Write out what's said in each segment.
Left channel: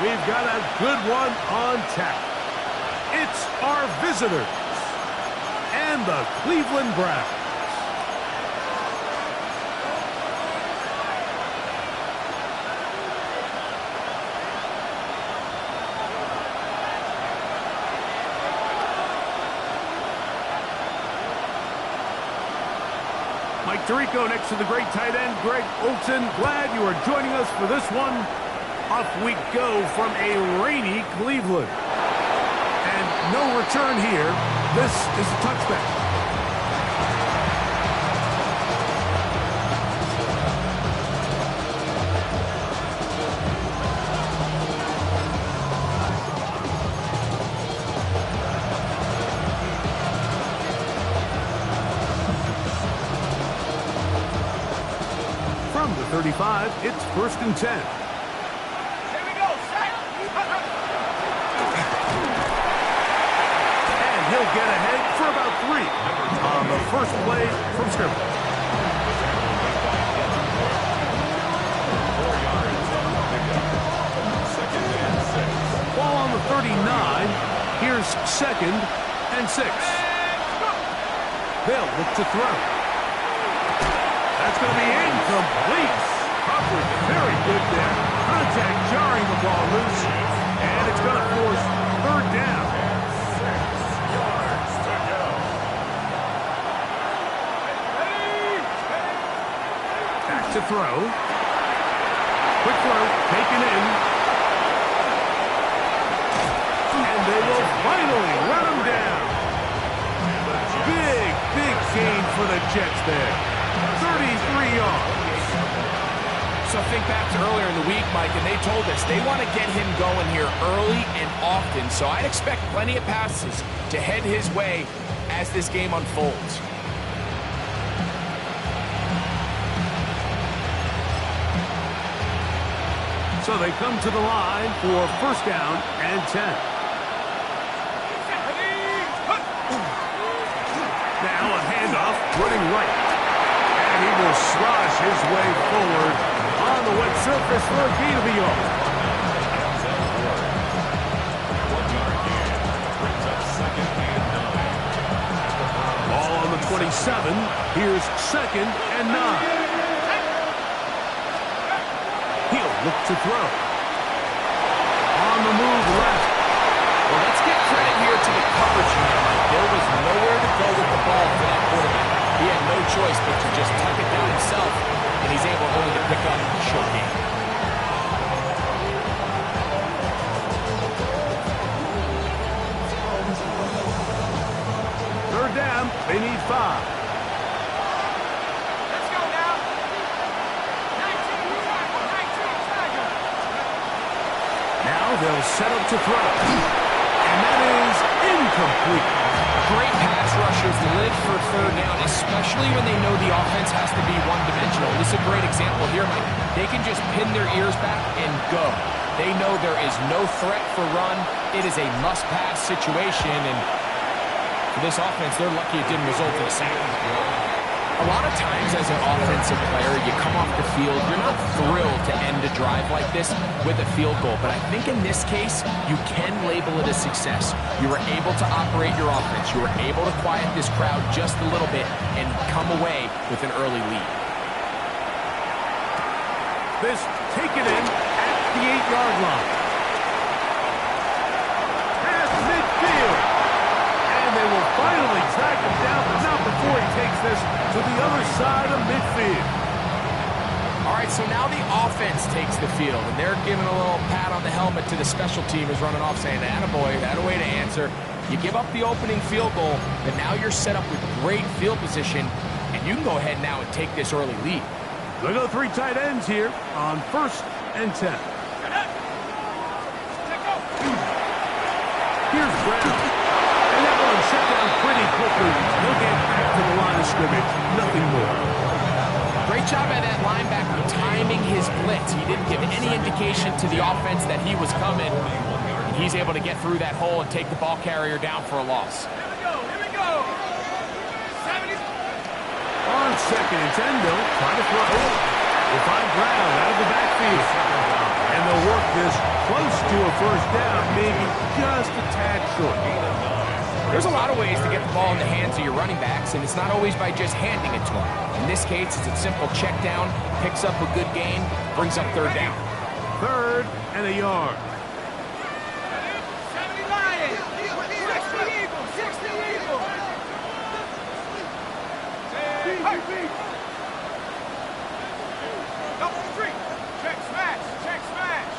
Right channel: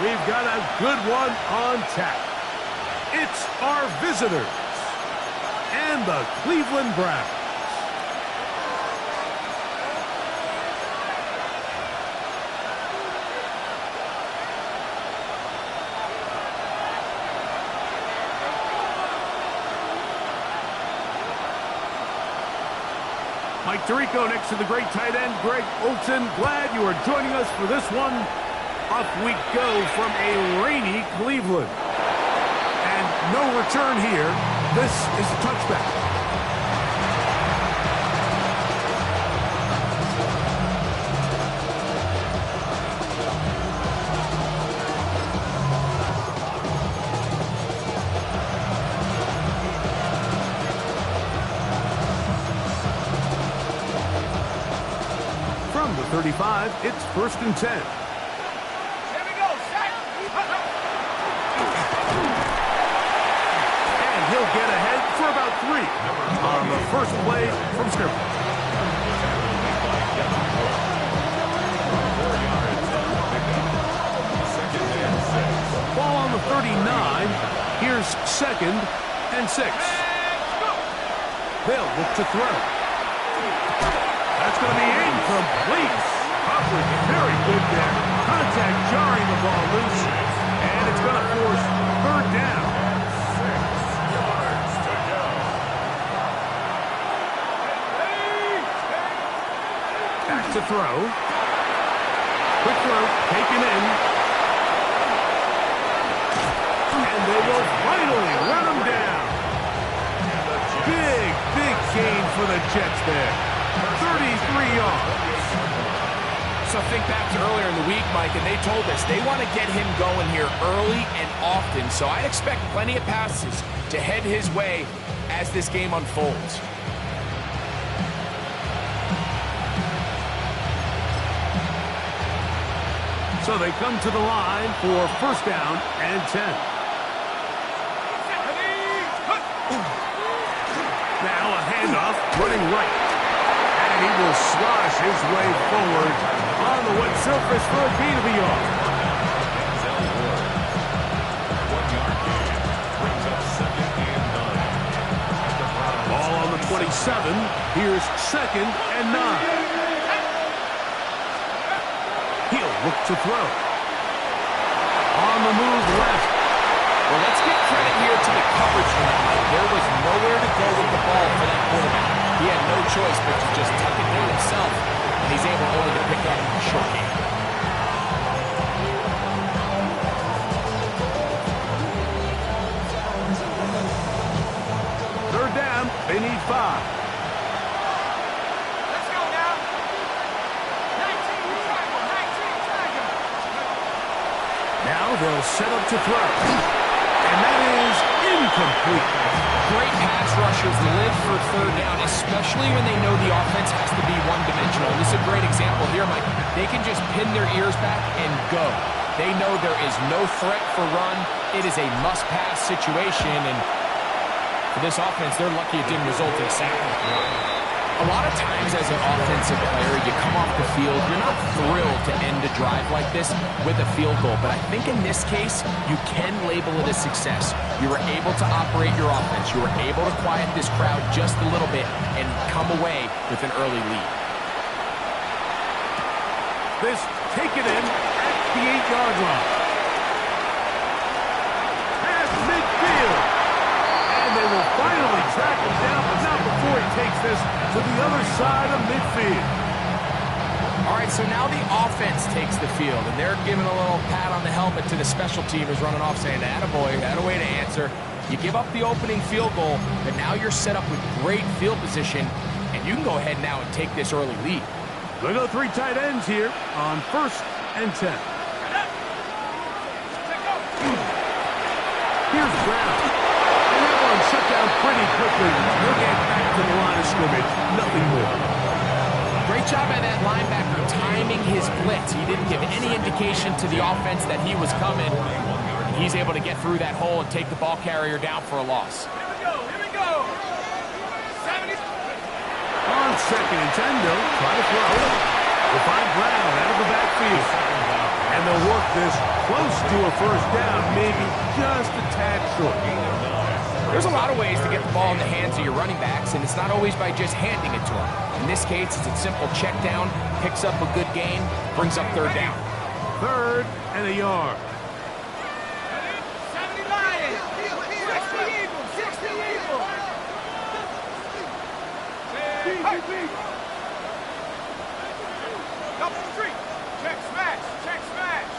We've got a good one on tap. It's our visitors and the Cleveland Browns. Mike Tirico next to the great tight end, Greg Olsen. Glad you are joining us for this one. Off we go from a rainy Cleveland. And no return here. This is a touchback. From the 35, it's 1st and 10. He'll get ahead for about 3 on the first play from scrimmage. Ball on the 39. Here's 2nd and 6. They'll look to throw. That's going to be incomplete. Coverage very good there. Contact jarring the ball loose. And it's going to force 3rd down. Back to throw. Quick throw, taken in. And they will finally run him down. Big gain for the Jets there. 33 yards. So think back to earlier in the week, Mike, and they told us they want to get him going here early and often. So I'd expect plenty of passes to head his way as this game unfolds. So they come to the line for 1st down and 10. Now a handoff, running right. And he will slosh his way forward on the wet surface for a gain of a yard. Ball on the 27. Here's 2nd and 9. He'll look to throw. On the move left. Well, let's give credit here to the coverage unit, Mike. There was nowhere to go with the ball for that quarterback. He had no choice but to just tuck it down himself, and he's able only to pick up a short gain. Third down, they need 5. Now they'll set up to throw. And that is incomplete. Great pass rushers live for 3rd down, especially when they know the offense has to be one-dimensional. This is a great example here, Mike. They can just pin their ears back and go. They know there is no threat for run. It is a must-pass situation, and for this offense, they're lucky it didn't result in a sack. A lot of times as an offensive player, you come off the field, you're not thrilled to end a drive like this with a field goal. But I think in this case, you can label it a success. You were able to operate your offense. You were able to quiet this crowd just a little bit and come away with an early lead. This taken in at the 8-yard line. Past midfield. And they will finally track him down, but not before he takes this to the other side of midfield. All right, so now the offense takes the field, and they're giving a little pat on the helmet to the special teamers running off, saying, attaboy, that a way to answer. You give up the opening field goal, but now you're set up with great field position, and you can go ahead now and take this early lead. They go 3 tight ends here on 1st and 10. Here's Brown. And that one shut down pretty quickly. He'll get back to the line of scrimmage. Nothing more. Great job by that linebacker timing his blitz. He didn't give any indication to the offense that he was coming. And he's able to get through that hole and take the ball carrier down for a loss. Here we go. 70. On 2nd and 10, they'll try to throw. We'll find Brown out of the backfield. And they'll work this close to a first down, maybe just a tad short. There's a lot of ways to get the ball in the hands of your running backs, and it's not always by just handing it to them. In this case, it's a simple check down, picks up a good gain, brings up third down. 3rd and a yard. 70 Lions. 60 Eagles. 60 Eagles. Double street. Check smash. Check smash.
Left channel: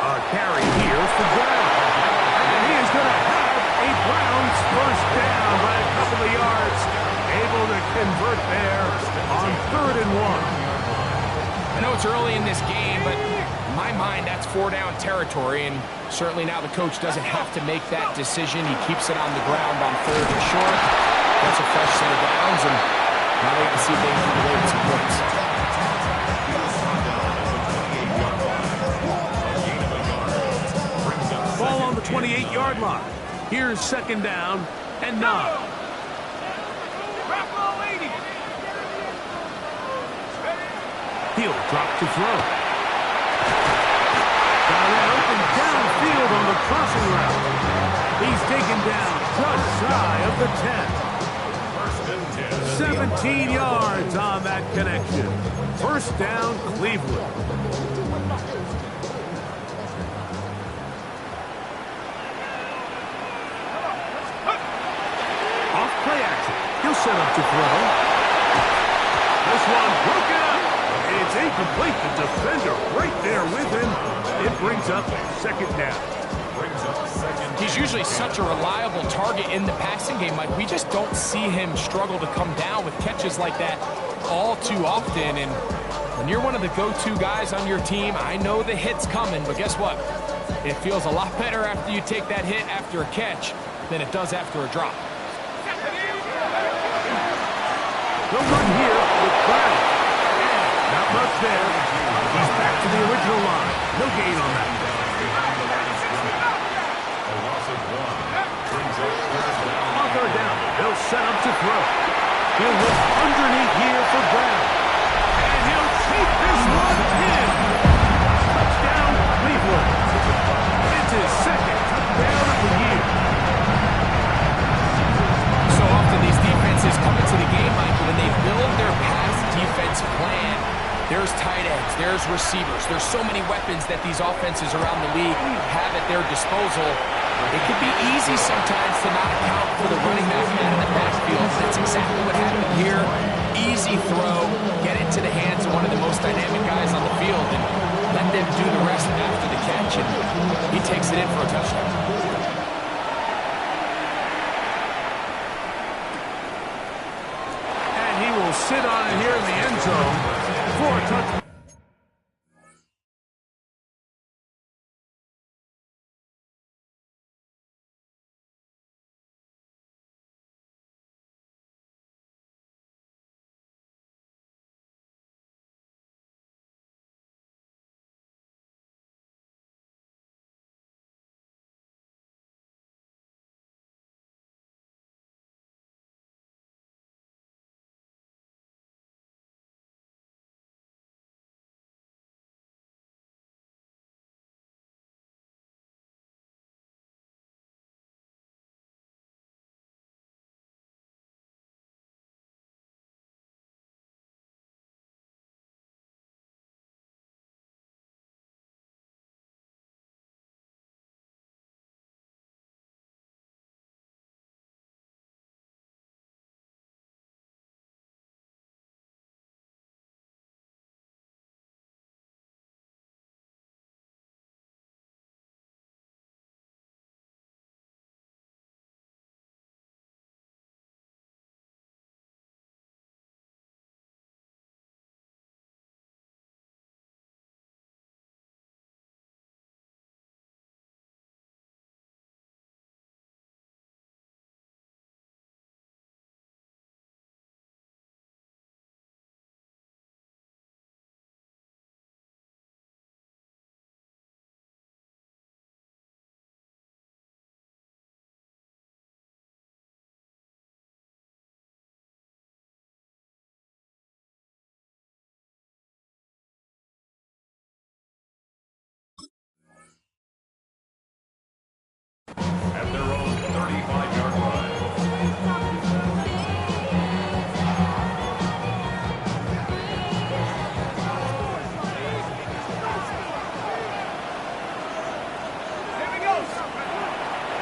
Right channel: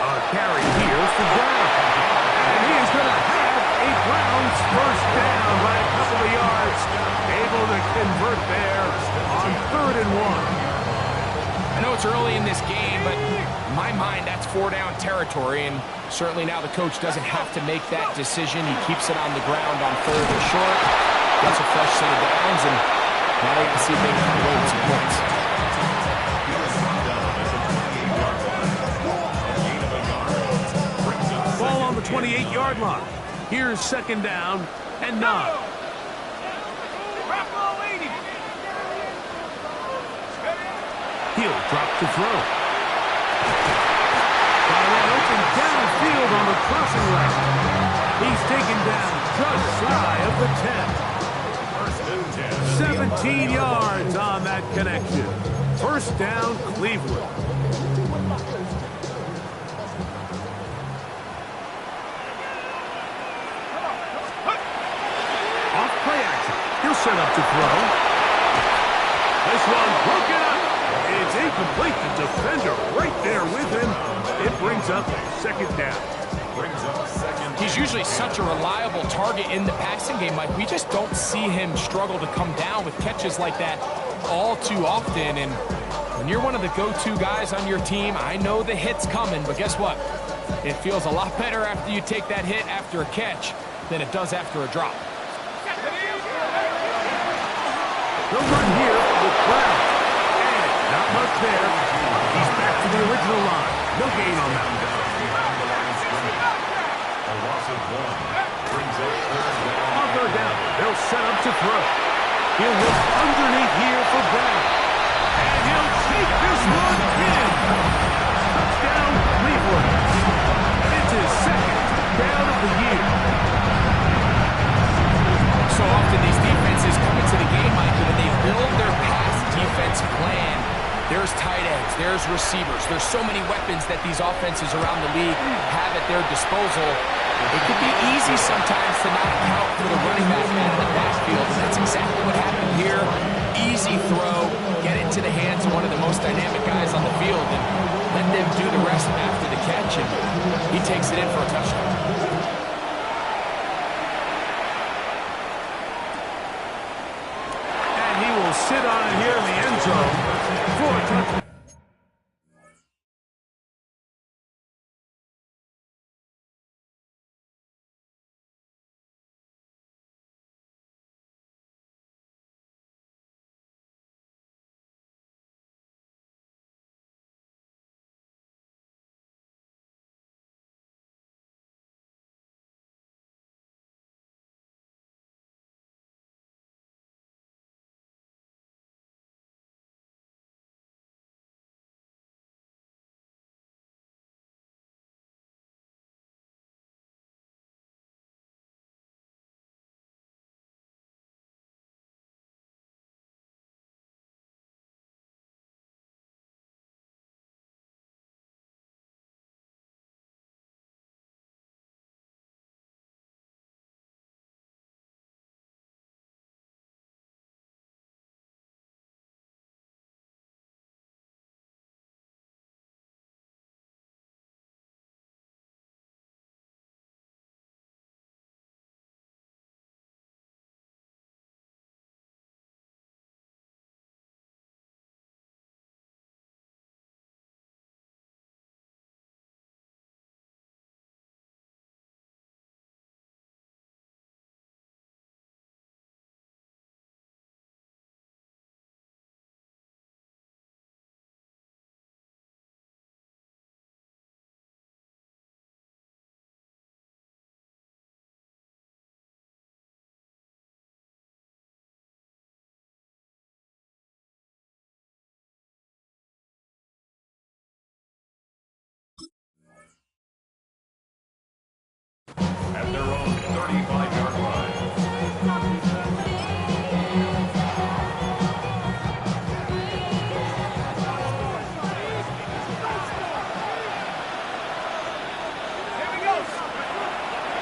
A carry here for Brown. And he is going to have a Browns first down by a couple of yards. Able to convert there on 3rd and 1. I know it's early in this game, but in my mind, that's 4-down territory, and certainly now the coach doesn't have to make that decision. He keeps it on the ground on 3rd and short, gets a fresh set of downs, and now they get to see if they can come away with some points. Ball on the 28-yard line. Here's 2nd down and 9. He'll drop to throw. Got a man open downfield on the crossing route. He's taken down just shy of the 10. 17 yards on that connection. First down, Cleveland. Off play action. He'll set up to throw. This one broken up. It's incomplete. The defender right there with him. It brings up 2nd down. He's usually such a reliable target in the passing game, Mike. We just don't see him struggle to come down with catches like that all too often. And when you're one of the go-to guys on your team, I know the hit's coming, but guess what? It feels a lot better after you take that hit after a catch than it does after a drop. They'll run here with Brown. And not much there. He's back to the original line. No gain on that. A loss of 1 brings up 3rd down. On 3rd down, they'll set up to throw. He'll look underneath here for Brown. And he'll take this one in. Touchdown, Cleveland. It's his 2nd touchdown of the year. So often these defenses come into the game, Mike, when they build their pass defense plan, there's tight ends, there's receivers, there's so many weapons that these offenses around the league have at their disposal. It can be easy sometimes to not account for the running back out of the backfield. That's exactly what happened here. Easy throw, get it to the hands of one of the most dynamic guys on the field, and let them do the rest after the catch, and he takes it in for a touchdown. He will sit on it here in the end zone for a touchdown.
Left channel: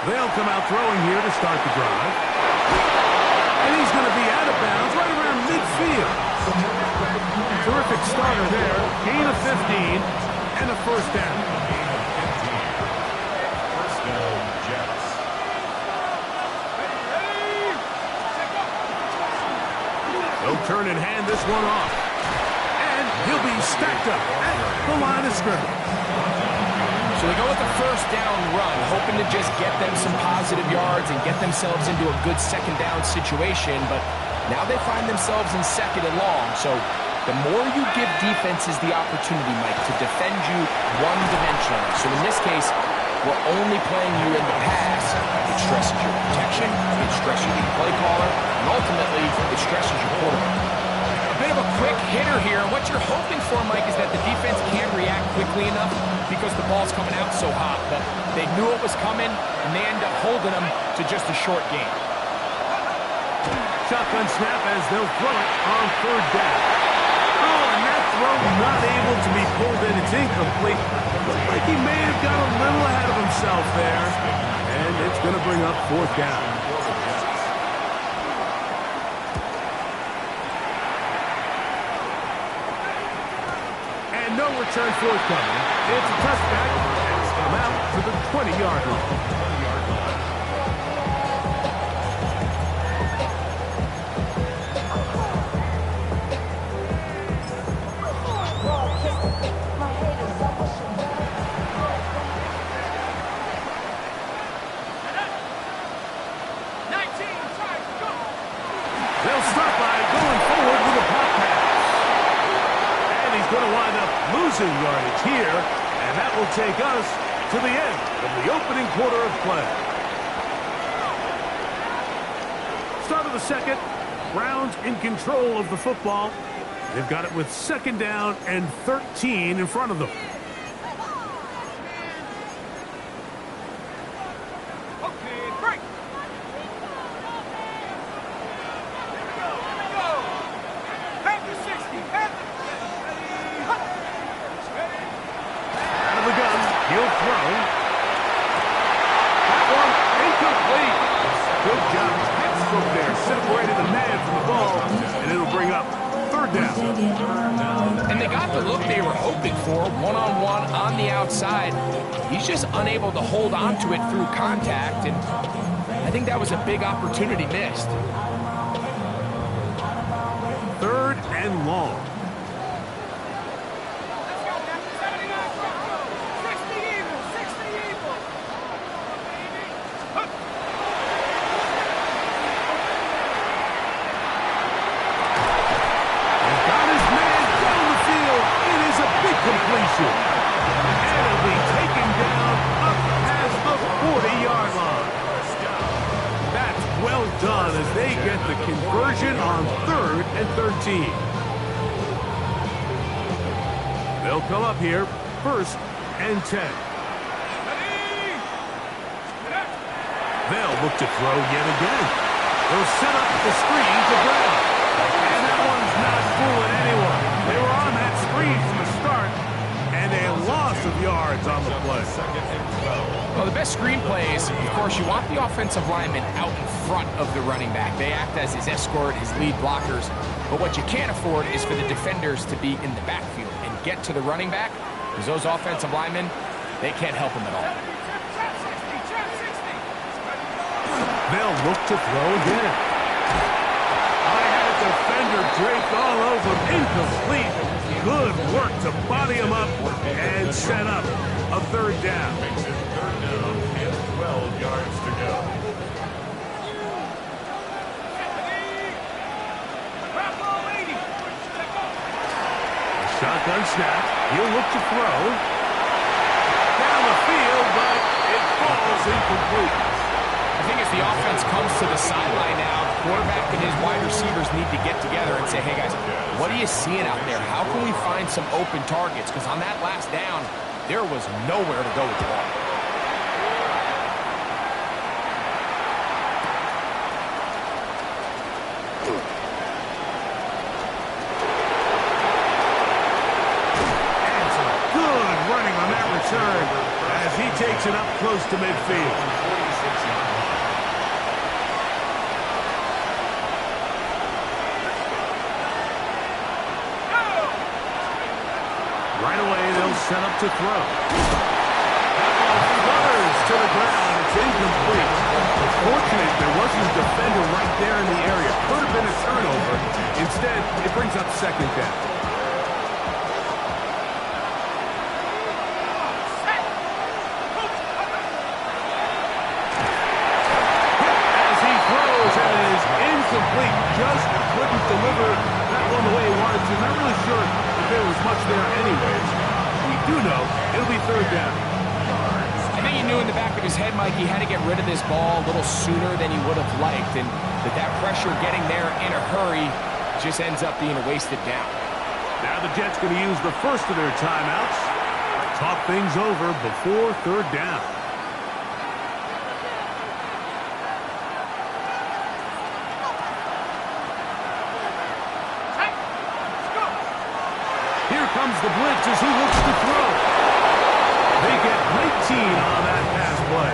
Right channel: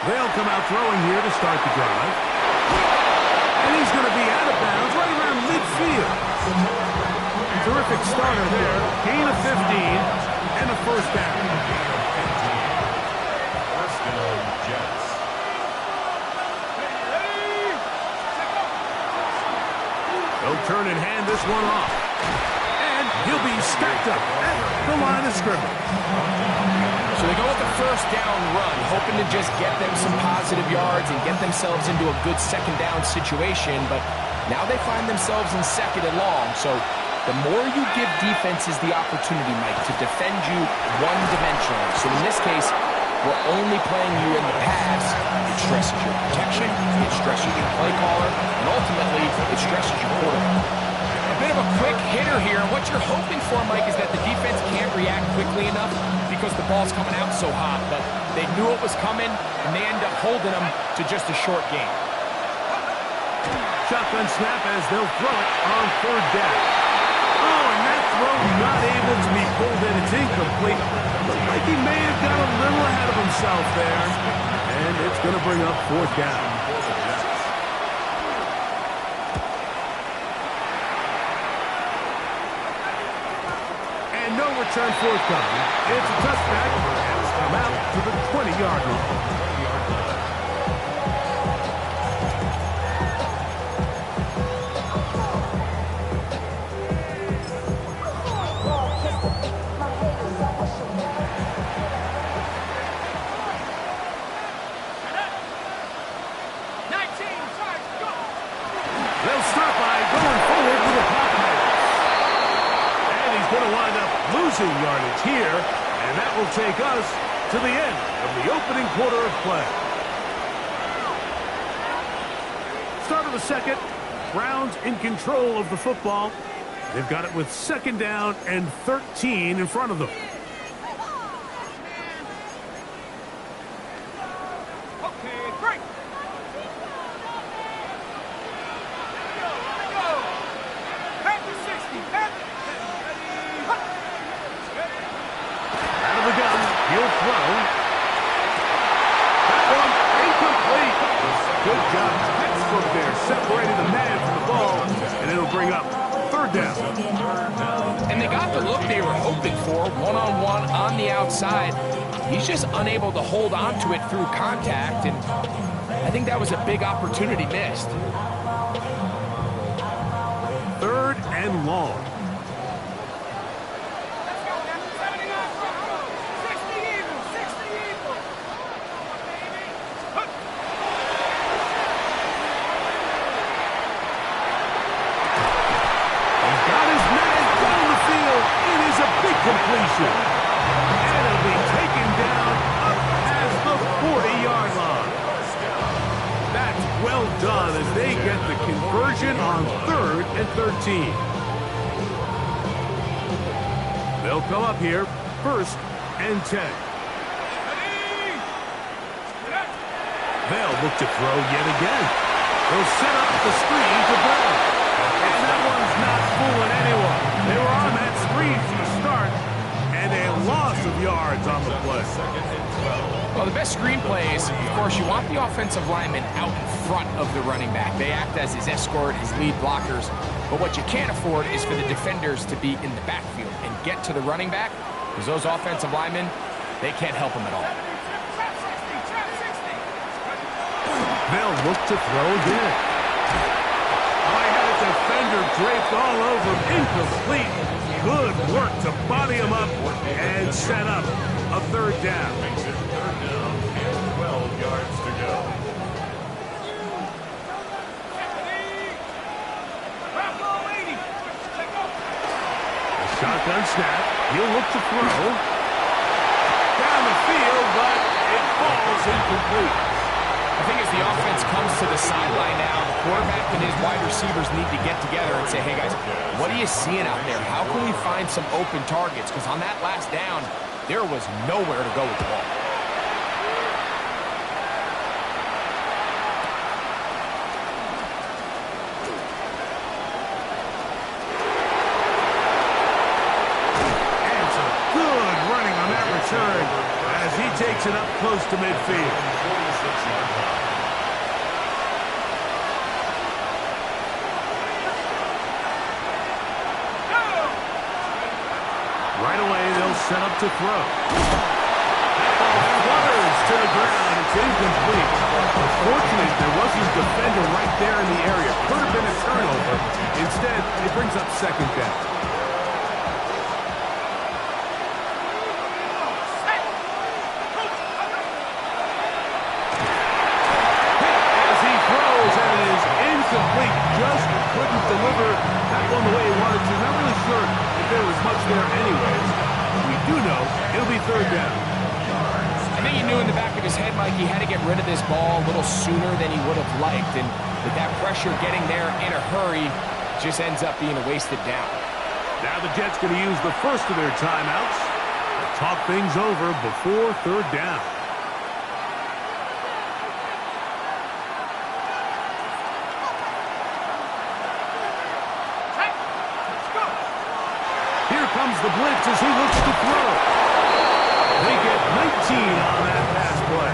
They'll come out throwing here to start the drive. And he's going to be out of bounds right around midfield. Terrific starter there. Gain of 15 and a first down. Gain of 15. First down, Jets. They'll turn and hand this one off. And he'll be stacked up at the line of scrimmage. So they go with the first down run, hoping to just get them some positive yards and get themselves into a good second down situation. But now they find themselves in second and long. So the more you give defenses the opportunity, Mike, to defend you one-dimensionally. So in this case, we're only playing you in the pass. It stresses your protection, it stresses your play caller, and ultimately, it stresses your quarterback. A bit of a quick hitter here. What you're hoping for, Mike, is that the defense can't react quickly enough because the ball's coming out so hot. But they knew it was coming, and they end up holding them to just a short game. Shotgun snap as they'll throw it on third down. Oh, and that throw not able to be pulled in. It's incomplete. Looked like he may have got a little ahead of himself there. And it's going to bring up fourth down. And no return forthcoming. It's a touchback, and it's come out to the 20-yard line. They'll start by going forward with a pop pass. And he's going to wind up losing yardage here, and that will take us to the end of the opening quarter of play. Start of the second. Browns in control of the football. They've got it with second down and 13 in front of them. He'll throw. That one incomplete. Good job. Textbook there. Separated the man from the ball, and it'll bring up third down. And they got the look they were hoping for, one-on-one on the outside. He's just unable to hold on to it through contact, and I think that was a big opportunity missed. Third and long. Completion. And it'll be taken down up past the 40-yard line. That's well done as they get the conversion on third and 13. They'll come up here, first and 10. They'll look to throw yet again. They'll set up the screen to Brown. And that one's not fooling anyone. They were on that screen from the start, and a loss of yards on the play. Well, the best screen plays, of course, you want the offensive lineman out in front of the running back. They act as his escort, his lead blockers. But what you can't afford is for the defenders to be in the backfield and get to the running back, because those offensive linemen, they can't help him at all. They'll look to throw again. Defender draped all over him, incomplete. Good work to body him up and set up a third down. Makes it third down and 12 yards to go. A shotgun snap. He'll look to throw. Down the field, but it falls incomplete. I think as the offense comes to the sideline now, the quarterback and his wide receivers need to get together and say, hey, guys, what are you seeing out there? How can we find some open targets? Because on that last down, there was nowhere to go with the ball. And some good running on that return as he takes it up close to midfield. 6-yard line. Right away, they'll set up to throw. That ball flutters to the ground. It's incomplete. Fortunate there wasn't a defender right there in the area. Could have been a turnover. Instead, it brings up second down. As he throws, and it is incomplete. Just couldn't deliver that one the way he wanted to. Not really sure if there was much there anyways. We do know it'll be third down. I think he knew in the back of his head, Mike, he had to get rid of this ball a little sooner than he would have liked, and that pressure getting there in a hurry just ends up being a wasted down. Now the Jets going to use the first of their timeouts to talk things over before third down. Here comes the blitz as he looks to throw. They get 19 on that pass play.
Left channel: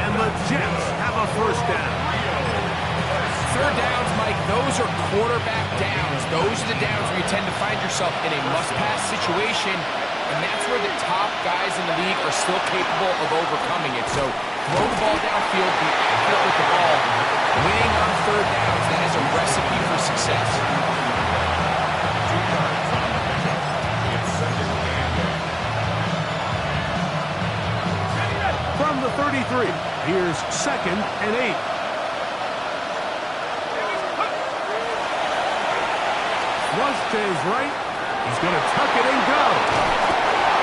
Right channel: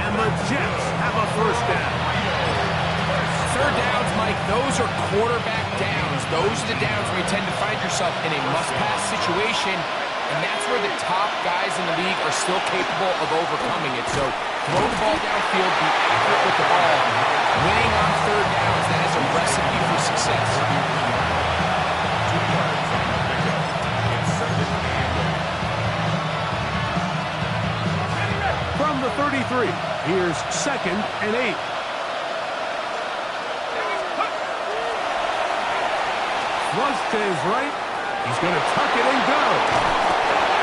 And the Jets have a first down. Third downs, Mike, those are quarterback downs. Those are the downs where you tend to find yourself in a must-pass situation, and that's where the top guys in the league are still capable of overcoming it. So throw the ball downfield, be accurate with the ball. Winning on third downs, that is a recipe for success. 2 yards on the pickup. It's second and 8. From the 33, here's second and 8. Flush to his right. He's going to tuck it and go.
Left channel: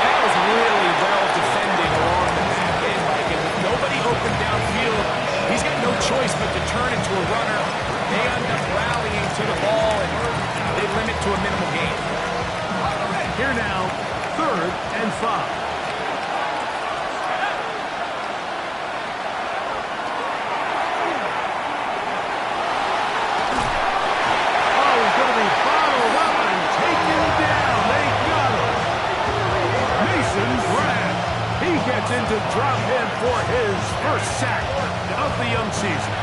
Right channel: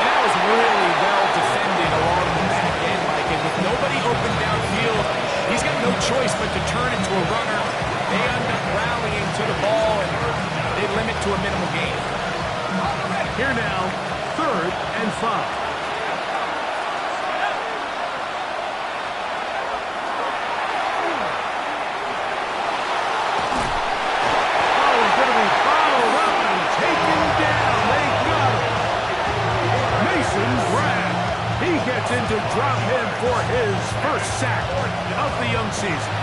And that was really well defended along the back end, Mike. And with nobody open downfield, he's got no choice but to turn into a runner. They end up rallying to the ball, and they limit to a minimal gain. Here now, third and 5. Going to be followed up and taken down. They got him. Mason Graham. He gets into drop him for his first sack of the young season.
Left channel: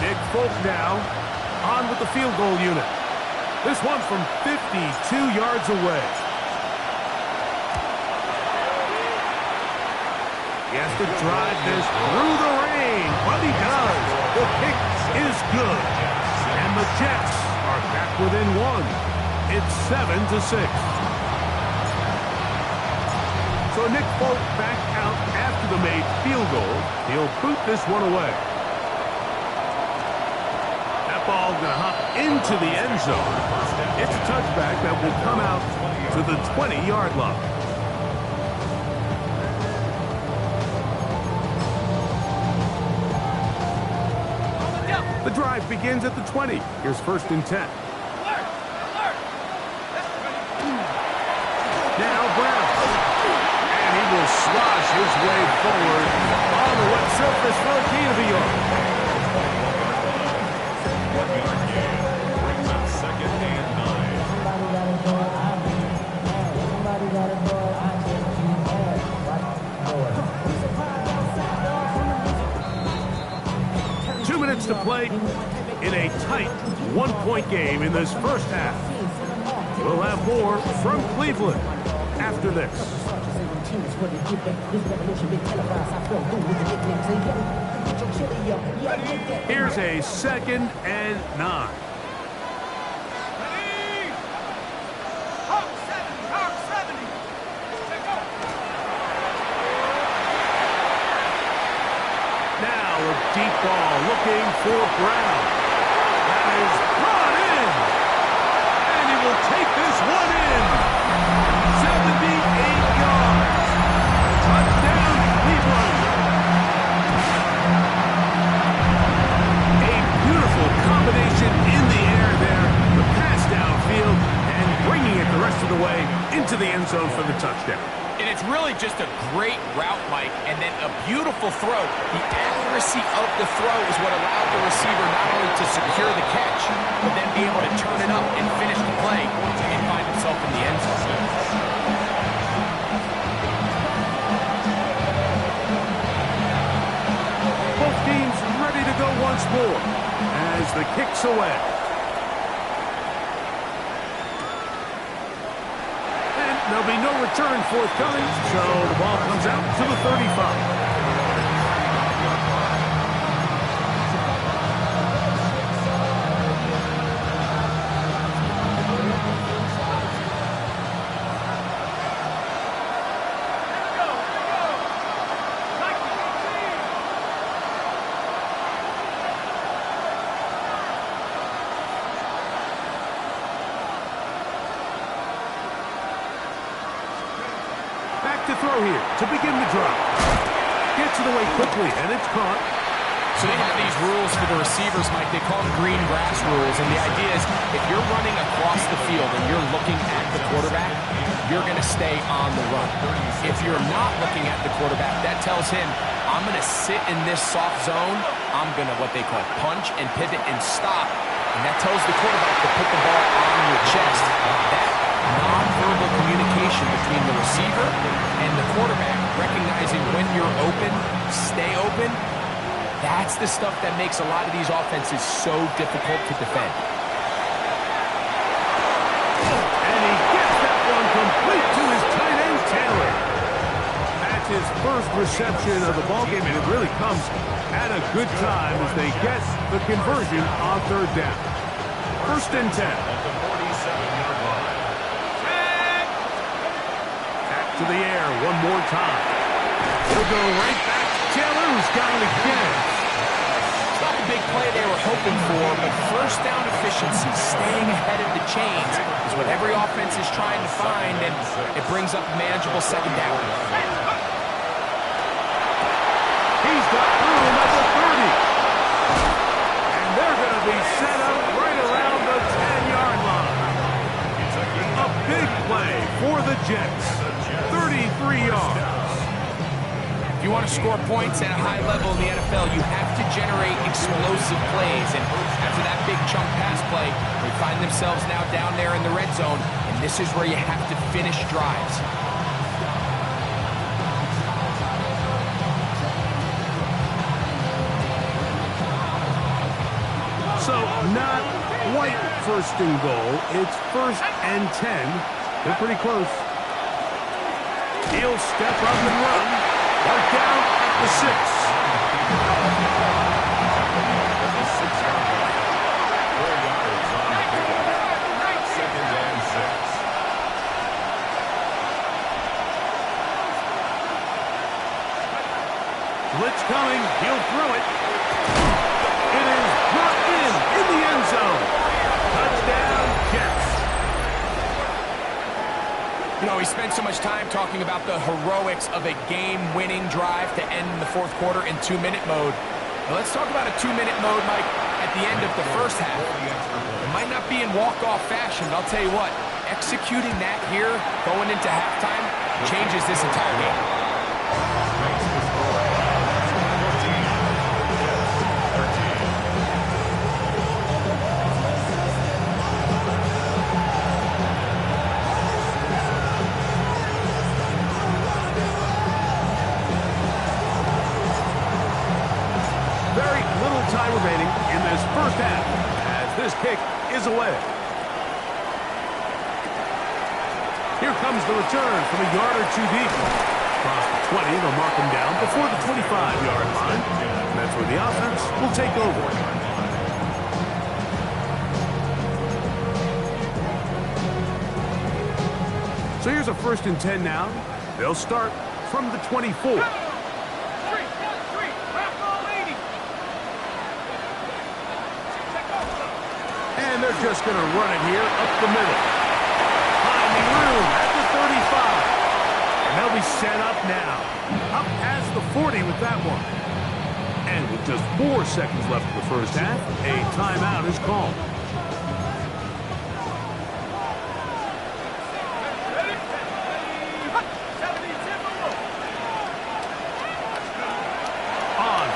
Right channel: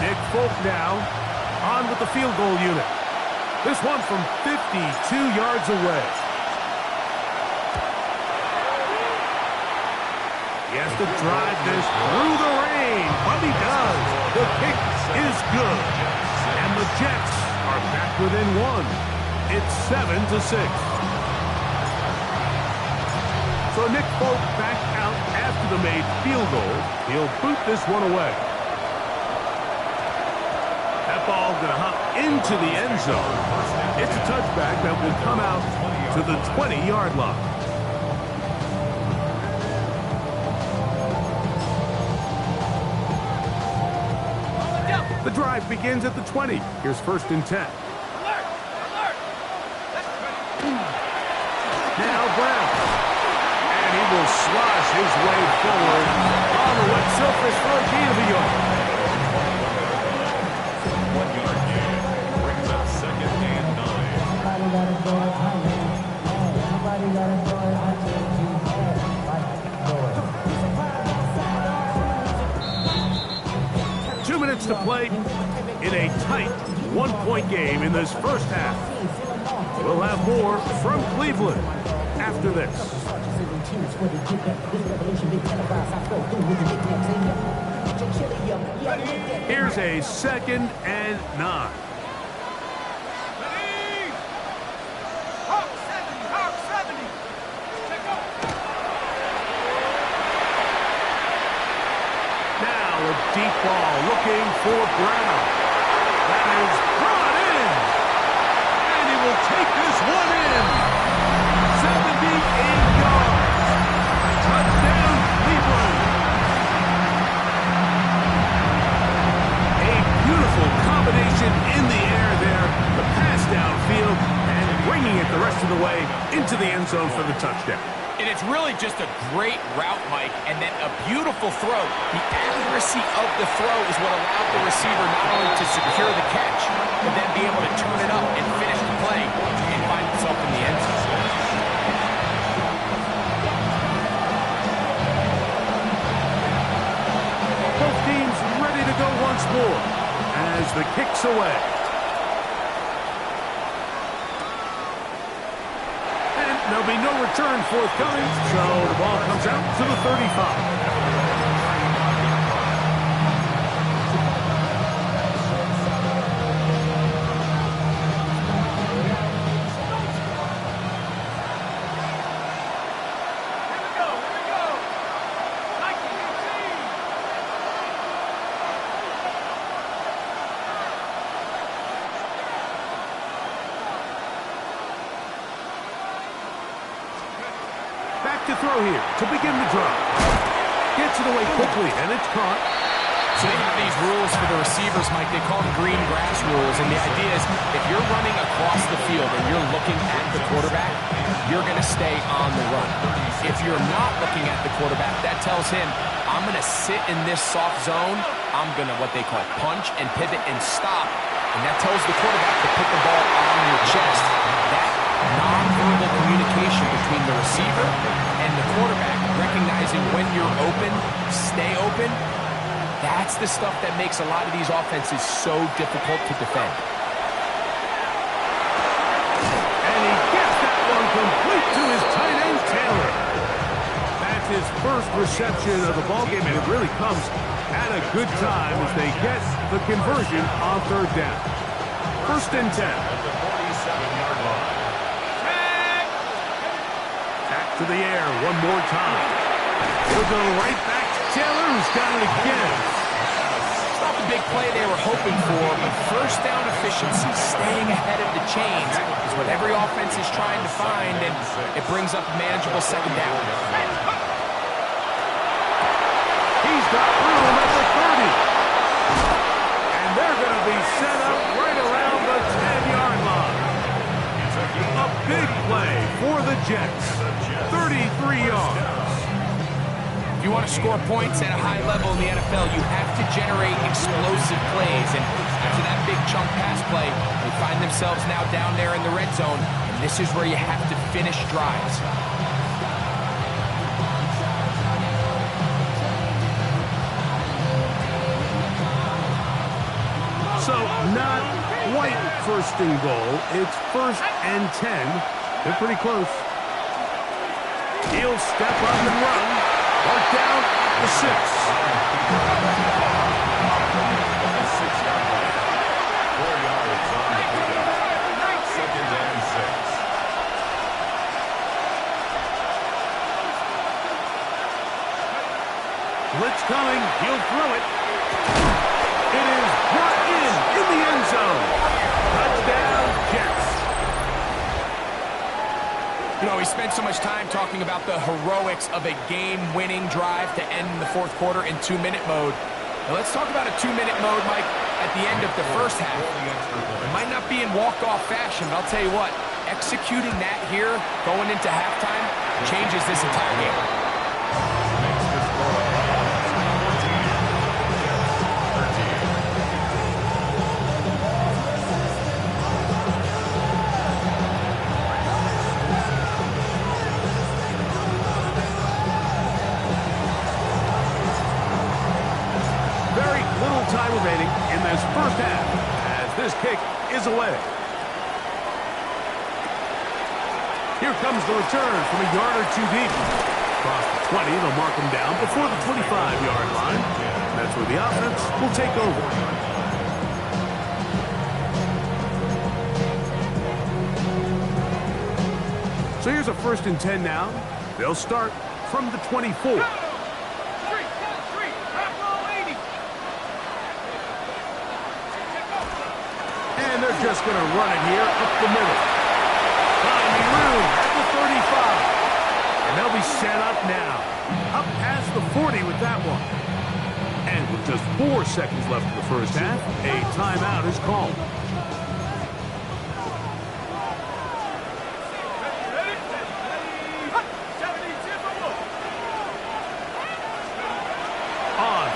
Nick Folk now on with the field goal unit. This one from 52 yards away. He has to drive this through the rain, but he does. The kick is good. And the Jets are back within 1. It's 7-6. So Nick Folk back out after the made field goal. He'll boot this one away. That ball going to hop into the end zone. It's a touchback that will come out to the 20-yard line. The drive begins at the 20. Here's first and 10. Now Brown. And he will slosh his way forward on the wet surface for a gain of a yard. 1-yard gain brings up second and 9. Somebody gotta go. Somebody gotta go. I 2 minutes to play in a tight one-point game in this first half. We'll have more from Cleveland after this. Here's a second and 9. Now a deep ball looking for Brown. That is brought in. And he will take this one in. 78 yards. Touchdown, Cleveland. A beautiful combination in the air there. The pass downfield and bringing it the rest of the way into the end zone for the touchdown. And it's really just a great route, Mike, and then a beautiful throw. The accuracy of the throw is what allowed the receiver not only to secure the catch, but then be able to turn it up and finish the play and find himself in the end zone. Both teams ready to go once more as the kick's away. And there'll be no return forthcoming, so the ball comes out to the 35. Back to throw here to begin the drive. Gets it away quickly, and it's caught. So they have these rules for the receivers, Mike. They call them green grass rules, and the idea is if you're running across the field and you're looking at the quarterback, you're going to stay on the run. If you're not looking at the quarterback, that tells him, I'm going to sit in this soft zone. I'm going to what they call punch and pivot and stop, and that tells the quarterback to put the ball on your chest. That non-verbal communication between the receiver and the quarterback, recognizing when you're open, stay open, that's the stuff that makes a lot of these offenses so difficult to defend. And he gets that one complete to his tight end, Taylor. That's his first reception of the ballgame, and it really comes at a good time as they get the conversion on third down. First and 10. At the 47-yard line. Back to the air one more time. He'll go right back to Taylor, who's got it again. It's not the big play they were hoping for, but first down efficiency, staying ahead of the chains, is what every offense is trying to find, and it brings up a manageable second down. He's got room at the 30. And they're going to be set up right around the 10-yard line. A big play for the Jets. 33 yards. If you want to score points at a high level in the NFL, you have to generate explosive plays. And after that big chunk pass play, they find themselves now down there in the red zone. And this is where you have to finish drives. So not quite first and goal. It's first and 10. They're pretty close. He'll step up and run. Mark down at the 6. At the 6-yard line. 4 yards on the pickup. Second and 6. Blitz coming. He'll throw it. It is brought in the end zone. Touchdown, Jets. You know, we spent so much time talking about the heroics of a game-winning drive to end the fourth quarter in 2-minute mode. Now let's talk about a 2-minute mode, Mike, at the end of the first half. It might not be in walk-off fashion, but I'll tell you what, executing that here, going into halftime, changes this entire game. Makes the score 14. Jets 13. Very little time remaining in this first half as this kick is away. Here comes the return from a yard or two deep. Across the 20, they'll mark him down before the 25-yard line. And that's where the offense will take over. So here's a first and 10 now. They'll start from the 24. And they're just going to run it here up the middle. Finding room at the 35. And they'll be set up now. Up past the 40 with that one. And with just 4 seconds left in the first half, a timeout is called.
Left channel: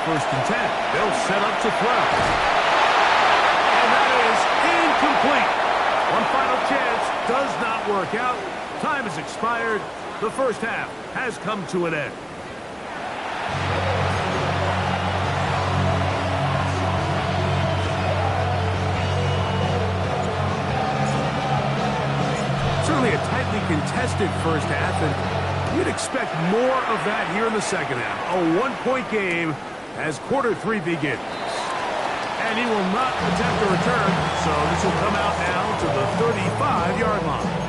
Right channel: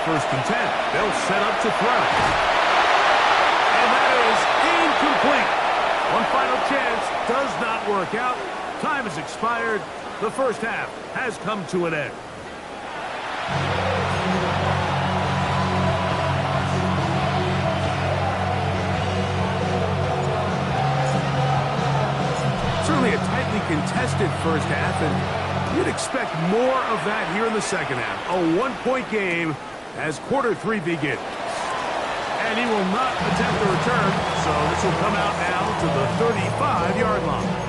first and 10. They'll set up to throw. And that is incomplete. One final chance does not work out. Time has expired. The first half has come to an end. Certainly a tightly contested first half, and you'd expect more of that here in the second half. A one-point game as quarter 3 begins. And he will not attempt a return, so this will come out now to the 35-yard line.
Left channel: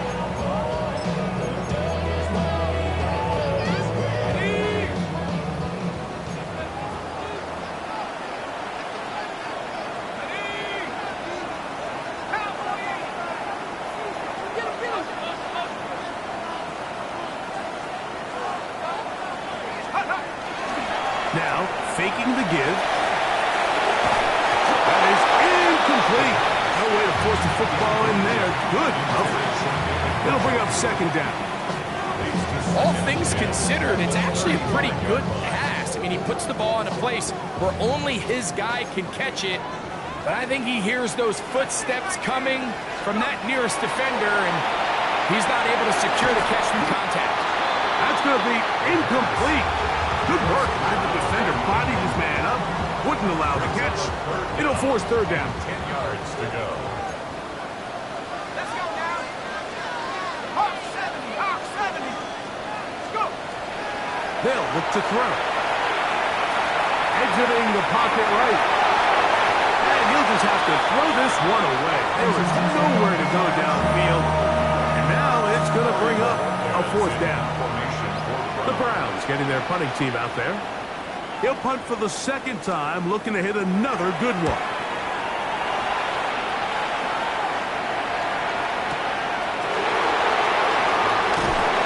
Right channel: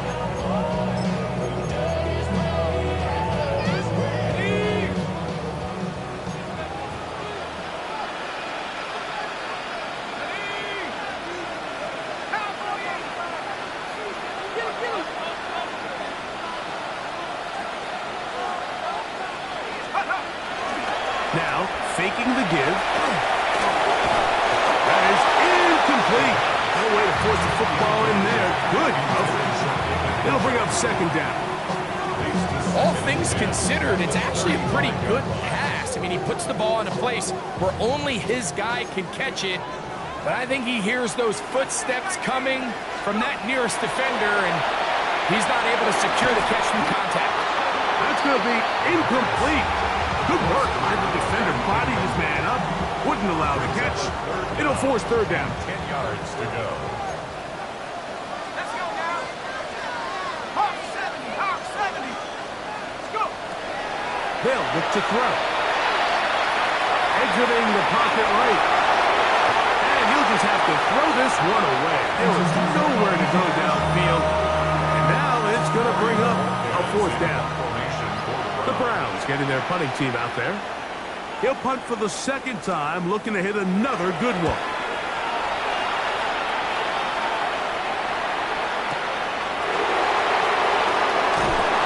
Now, faking the give. That is incomplete. No way to force the football in there. Good coverage. It'll bring up second down. All things considered, it's actually a pretty good pass. I mean, he puts the ball in a place where only his guy can catch it. But I think he hears those footsteps coming from that nearest defender, and he's not able to secure the catch through contact. That's going to be incomplete. Good work. The defender bodied his man up. Wouldn't allow the catch. It'll force third down. 10 yards to go. Let's go now. Hawk 70, Hawk 70. Let's go. They'll look to throw. Exiting the pocket right. And he'll just have to throw this one away. There was nowhere to go downfield. And now it's going to bring up a fourth down. The Browns getting their punting team out there. He'll punt for the second time, looking to hit another good one.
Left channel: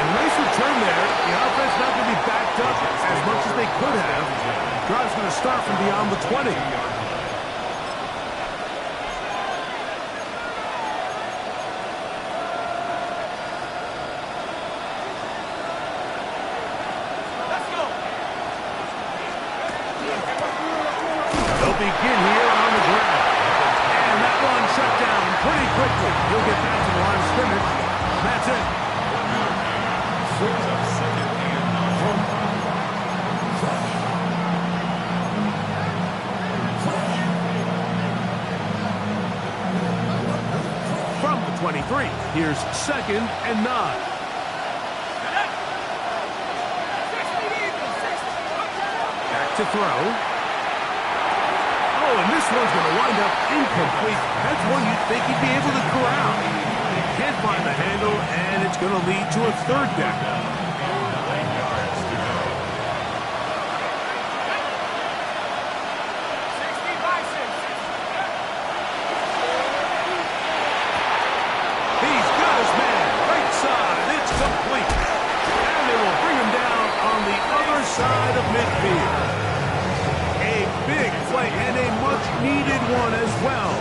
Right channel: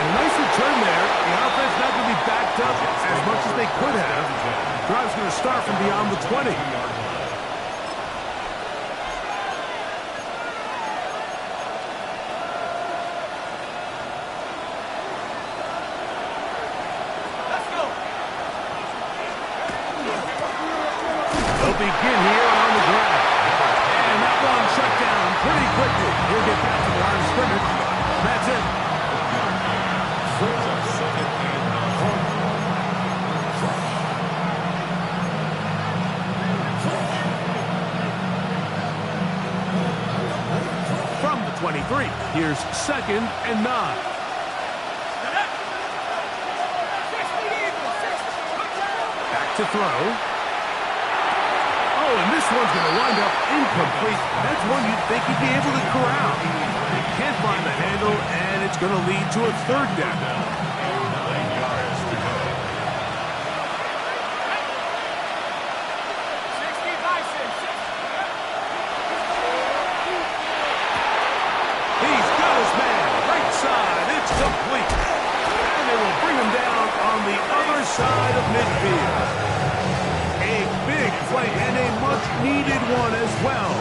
And a nice return there. The offense not going to be backed up as much as they could have. Drive's going to start from beyond the 20. Begin here on the ground. And that one shut down pretty quickly. He'll get back to the line of scrimmage. That's it. Brings up second and 9. From the 23, here's second and 9. Back to throw. Oh, and this one's going to wind up incomplete. That's one you'd think he'd be able to corral. He can't find the handle, and it's going to lead to a third down. 9 yards to go. 60 Bison. He's got his man. Right side. It's complete. And they will bring him down on the other side of midfield. A big play and a much-needed one as well.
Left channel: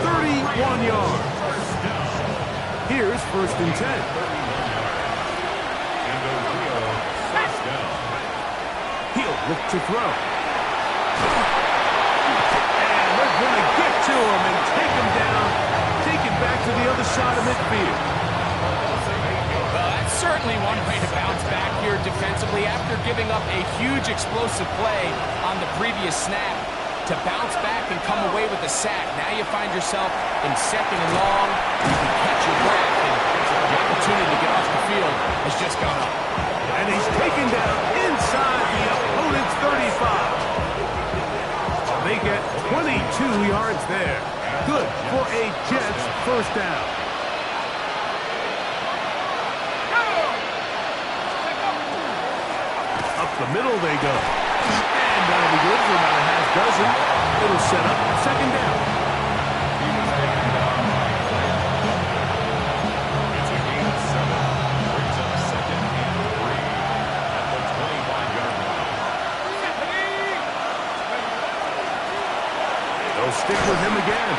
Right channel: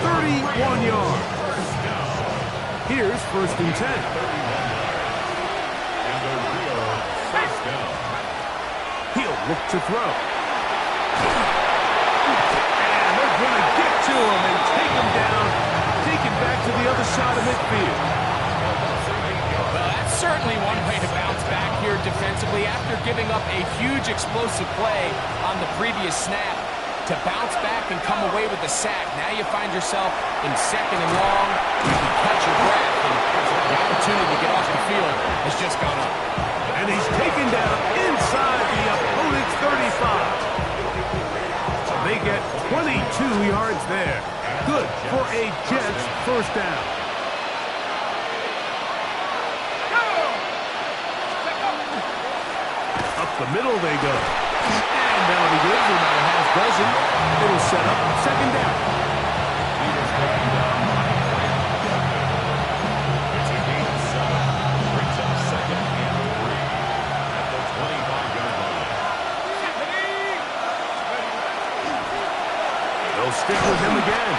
31 yards. Here's first and 10. 31 yards. And a real first down. He'll look to throw. And they're going to get to him and take him down. Take him back to the other side of midfield. Well, that's certainly one way to bounce back here defensively after giving up a huge explosive play on the previous snap. To bounce back and come away with a sack. Now you find yourself in second and long. You can catch your breath, and the opportunity to get off the field has just gone up. And he's taken down inside the opponent's 35. They get 22 yards there. Good for a Jets first down. Up the middle they go. And that'll be good for about a half dozen. It'll set up second down. He was taken down by Brandon. It's a gain of 7. Brings up second and 3 at the 25-yard line. They'll stick with him again.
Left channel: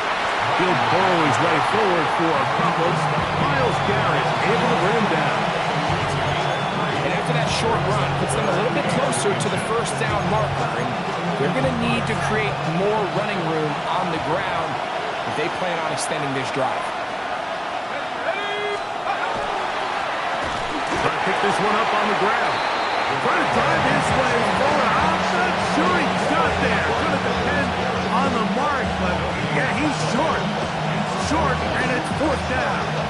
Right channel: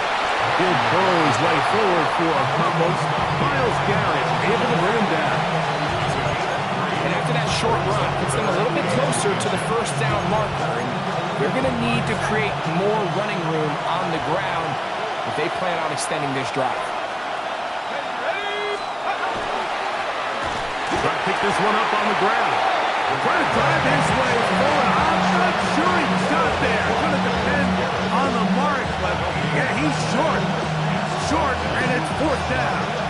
He'll burrow his way forward for a couple. Myles Garrett able to bring him down. And And after that short run, puts them a little bit closer to the first down marker. And they're going to need to create more running room on the ground if they plan on extending this drive. Trying to pick this one up on the ground. Trying to drive his way forward. I'm not sure he got there. Going to depend on the mark, but yeah, he's short. Short, and it's fourth down.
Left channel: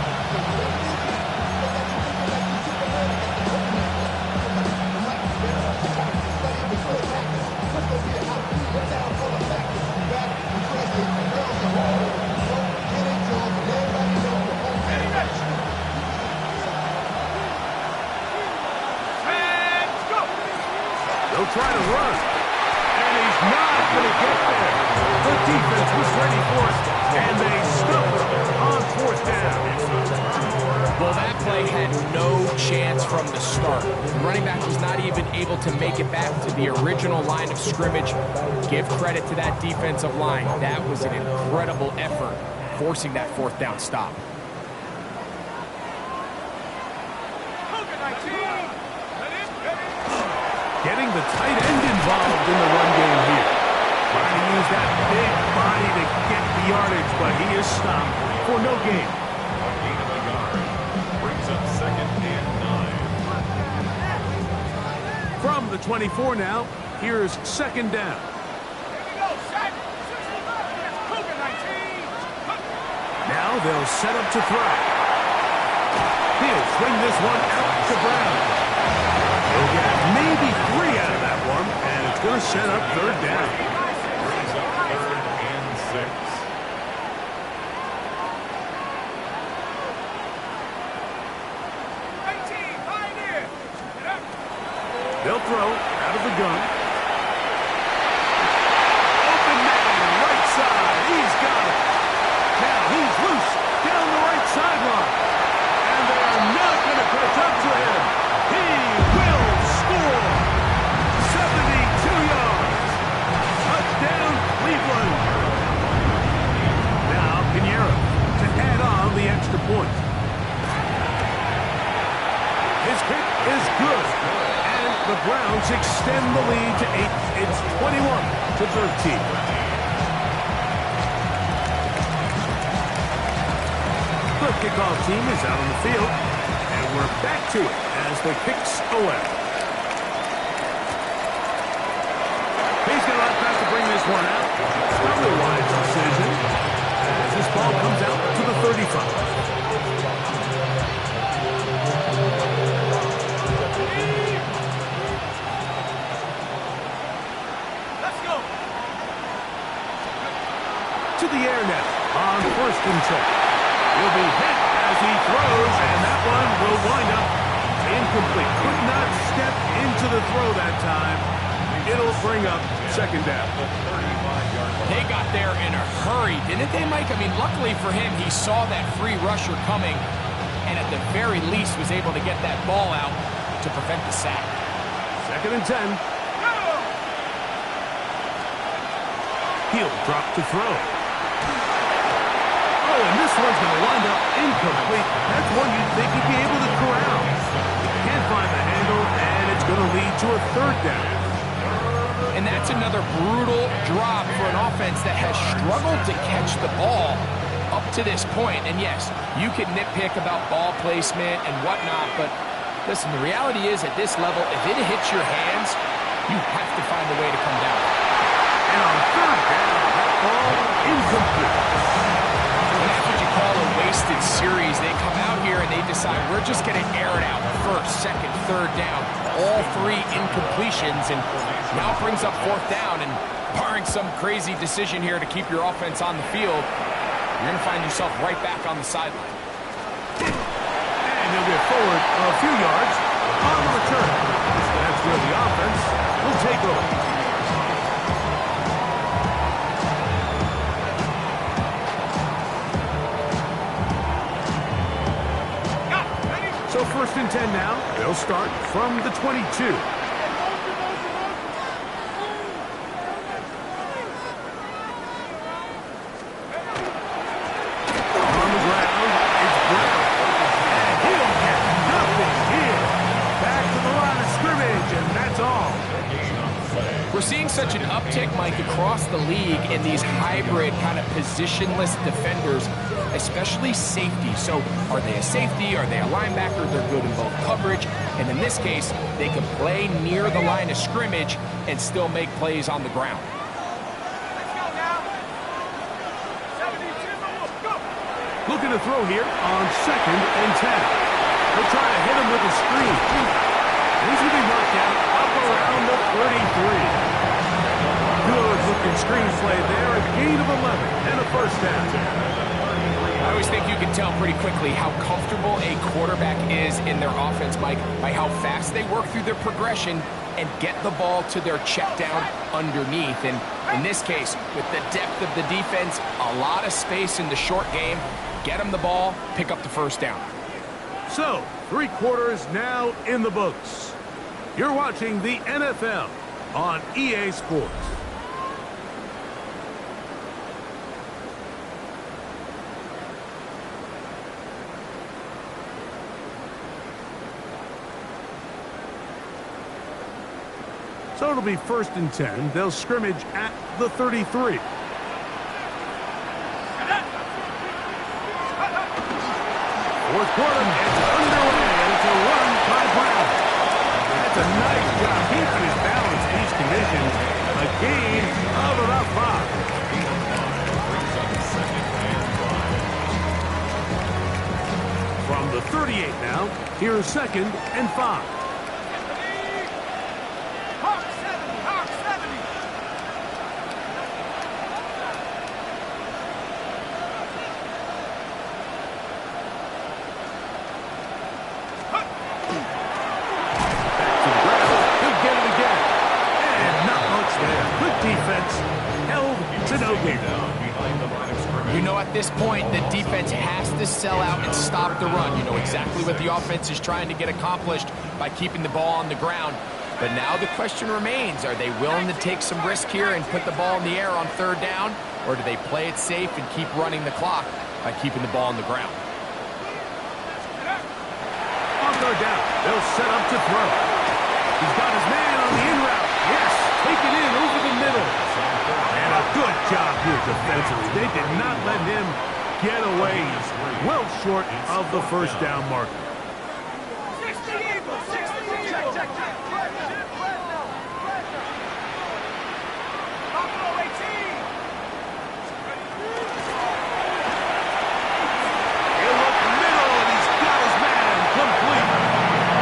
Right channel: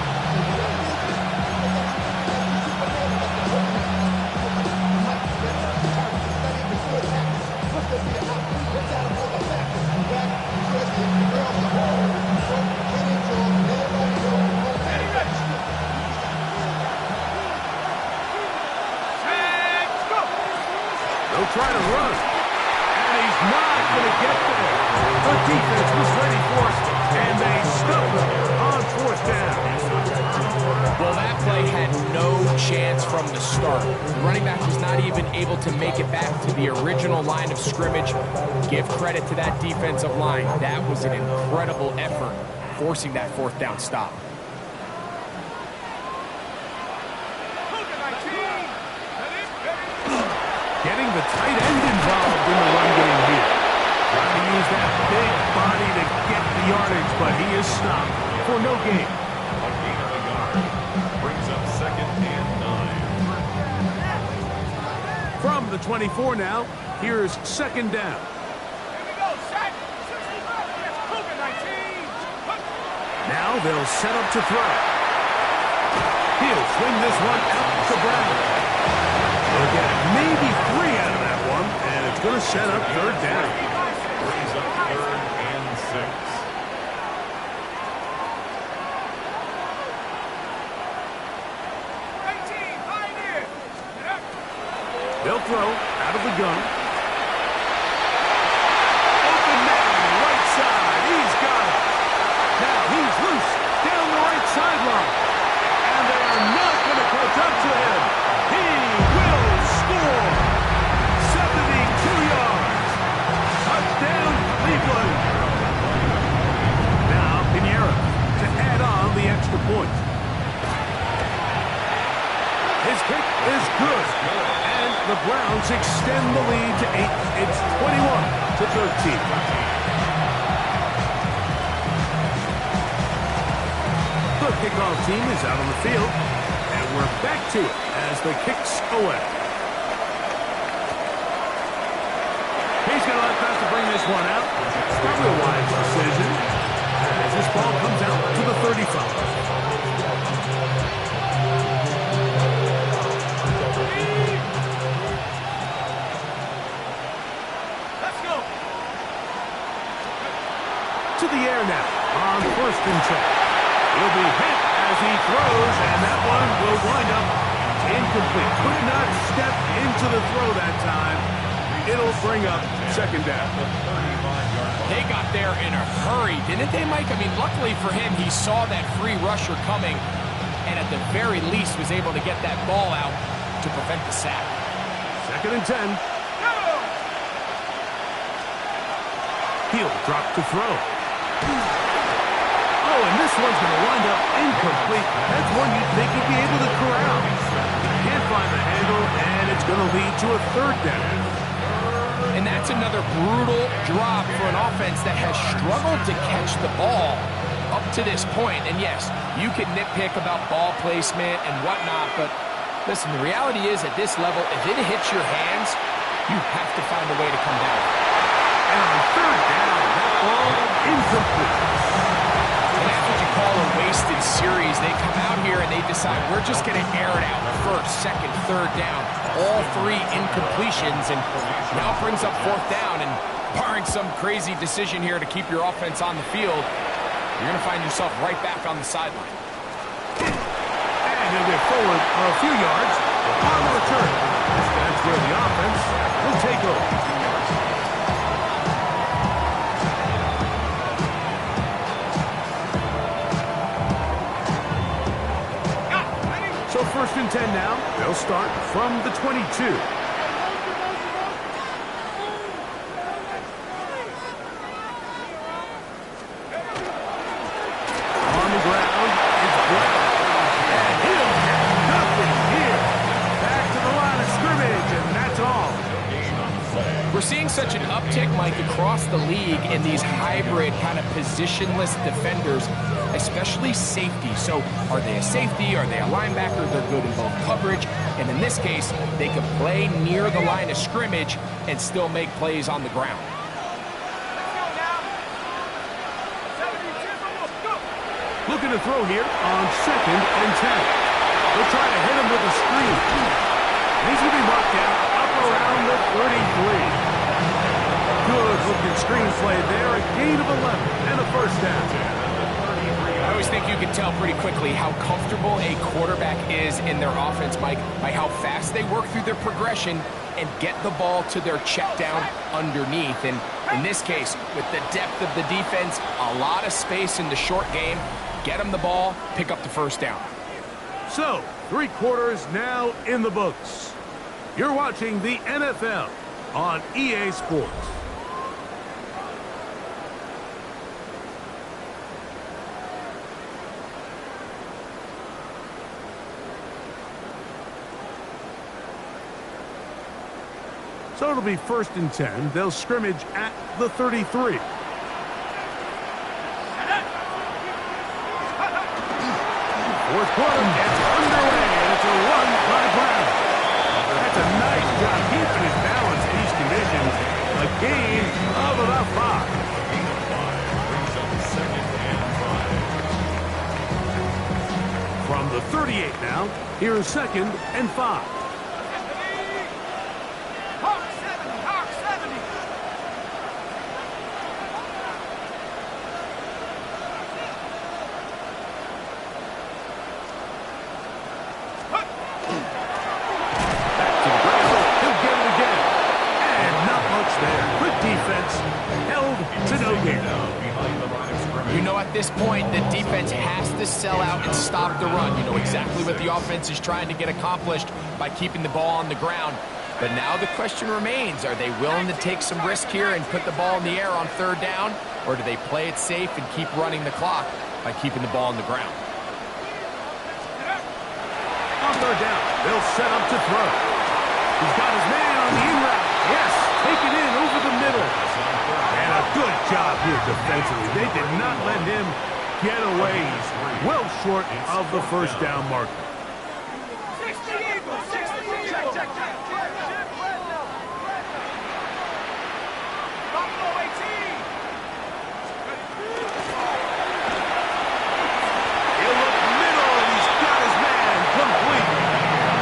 They'll try to run, and he's not going to get there. The defense was ready for it, and they stuffed him on fourth down. Well, that play had no chance from the start. The running back was not even able to make it back to the original line of scrimmage. Give credit to that defensive line. That was an incredible effort, forcing that fourth down stop. Getting the tight end involved in the run game here. Trying to use that big body to get the yardage, but he is stopped for no gain. A gain of a yard brings up 2nd and 9. From the 24 now, here's 2nd down. Here we go, set. Yes, Cougar 19. Now they'll set up to throw. He'll swing this one out to Brown. He'll get maybe 3 out of that one, and it's going to set up 3rd down. Brings up 3rd and 6. They'll throw out of the gun. Open man, right side. He's got it. Now he's loose down the right sideline. And they are not going to catch up to him. He will score. 72 yards. Touchdown, Cleveland. Now Pinheiro to add on the extra point. His kick is good. And the Browns extend the lead to 8. It's 21-13. The kickoff team is out on the field, and we're back to it as the kick's away. He's going to let that to bring this one out. It's probably a wise decision as this ball comes out to the 35. To the air now on 1st and 10. He'll be hit as he throws, and that one will wind up incomplete. Could not step into the throw that time. It'll bring up 2nd down. They got there in a hurry, didn't they, Mike? I mean, luckily for him, he saw that free rusher coming, and at the very least was able to get that ball out to prevent the sack. 2nd and 10. He'll drop to throw. Oh, and this one's going to wind up incomplete. That's one you'd think he'd be able to corral. He can't find the handle, and it's going to lead to a 3rd down. And that's another brutal drop for an offense that has struggled to catch the ball up to this point. And yes, you can nitpick about ball placement and whatnot, but listen, the reality is at this level, if it hits your hands, you have to find a way to come down. And on 3rd down, that ball incomplete. And that's what you call a wasted series. They come out here and they decide, we're just going to air it out. 1st, 2nd, 3rd down. All 3 incompletions, and now brings up 4th down. And barring some crazy decision here to keep your offense on the field, you're going to find yourself right back on the sideline. And he'll get forward a few yards on the return. That's where the offense will take over. So 1st and 10 now. They'll start from the 22. On the ground, it's Brown. And he'll get nothing here. Back to the And that's all. No gain on the play. We're seeing such an uptick, Mike, across the league in these hybrid kind of positionless defenders, especially safety. So are they a safety? Are they a linebacker? They're good in both coverage. And in this case, they can play near the line of scrimmage and still make plays on the ground. Looking to throw here on 2nd and 10. They'll try to hit him with a screen. And he's going to be marked out up around the 33. Good-looking screen play there. A gain of 11 and a first down. I always think you can tell pretty quickly how comfortable a quarterback is in their offense, Mike, by how fast they work through their progression and get the ball to their check down underneath. And in this case, with the depth of the defense, a lot of space in the short game, get them the ball, pick up the first down. So, 3 quarters now in the books. You're watching the NFL on EA Sports. So it'll be 1st and 10. They'll scrimmage at the 33. Fourth quarter gets underway, and it's a run by Brown. That's a nice job keeping his balance in these conditions. A gain of about 5. Gain of 5 brings up 2nd and 5. From the 38 now, here's 2nd and 5. Hawk 70, Hawk 70. Back to the ground. He'll get it again. And not much there. Good defense. Held to no gain. Down behind the line of scrimmage. You know, at this point, the defense has to sell out and stop the run. You know exactly what the offense is trying to get accomplished by keeping the ball on the ground. But now the question remains, are they willing to take some risk here and put the ball in the air on 3rd down? Or do they play it safe and keep running the clock by keeping the ball on the ground? On 3rd down, they'll set up to throw. He's got his man on the in route. Yes, take it in over the middle. And a good job here defensively. They did not let him get away. He's well short of the first down marker. 60 Eagles, 60 Eagles. Check. Buffalo 18. He'll look middle, and he's got his man complete.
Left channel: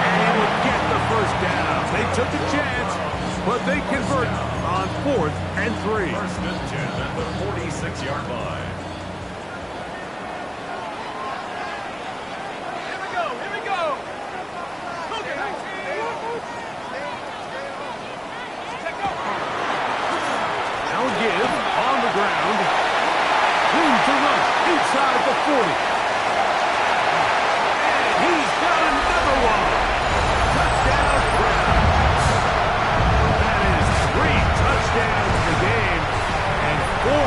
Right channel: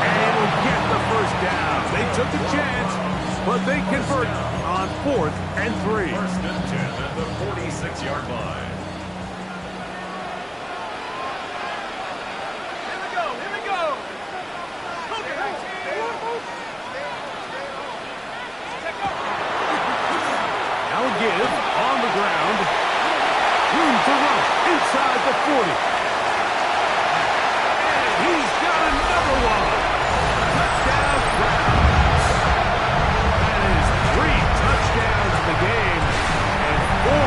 And he will get the first down. They took a chance, but they convert on 4th and 3. 1st and 10 at the 46-yard line. Here we go. Cougar 19. Now a give on the ground. Room to run inside the 40. And he's got another one. Touchdown, Browns. That is 3 touchdowns in the game and 4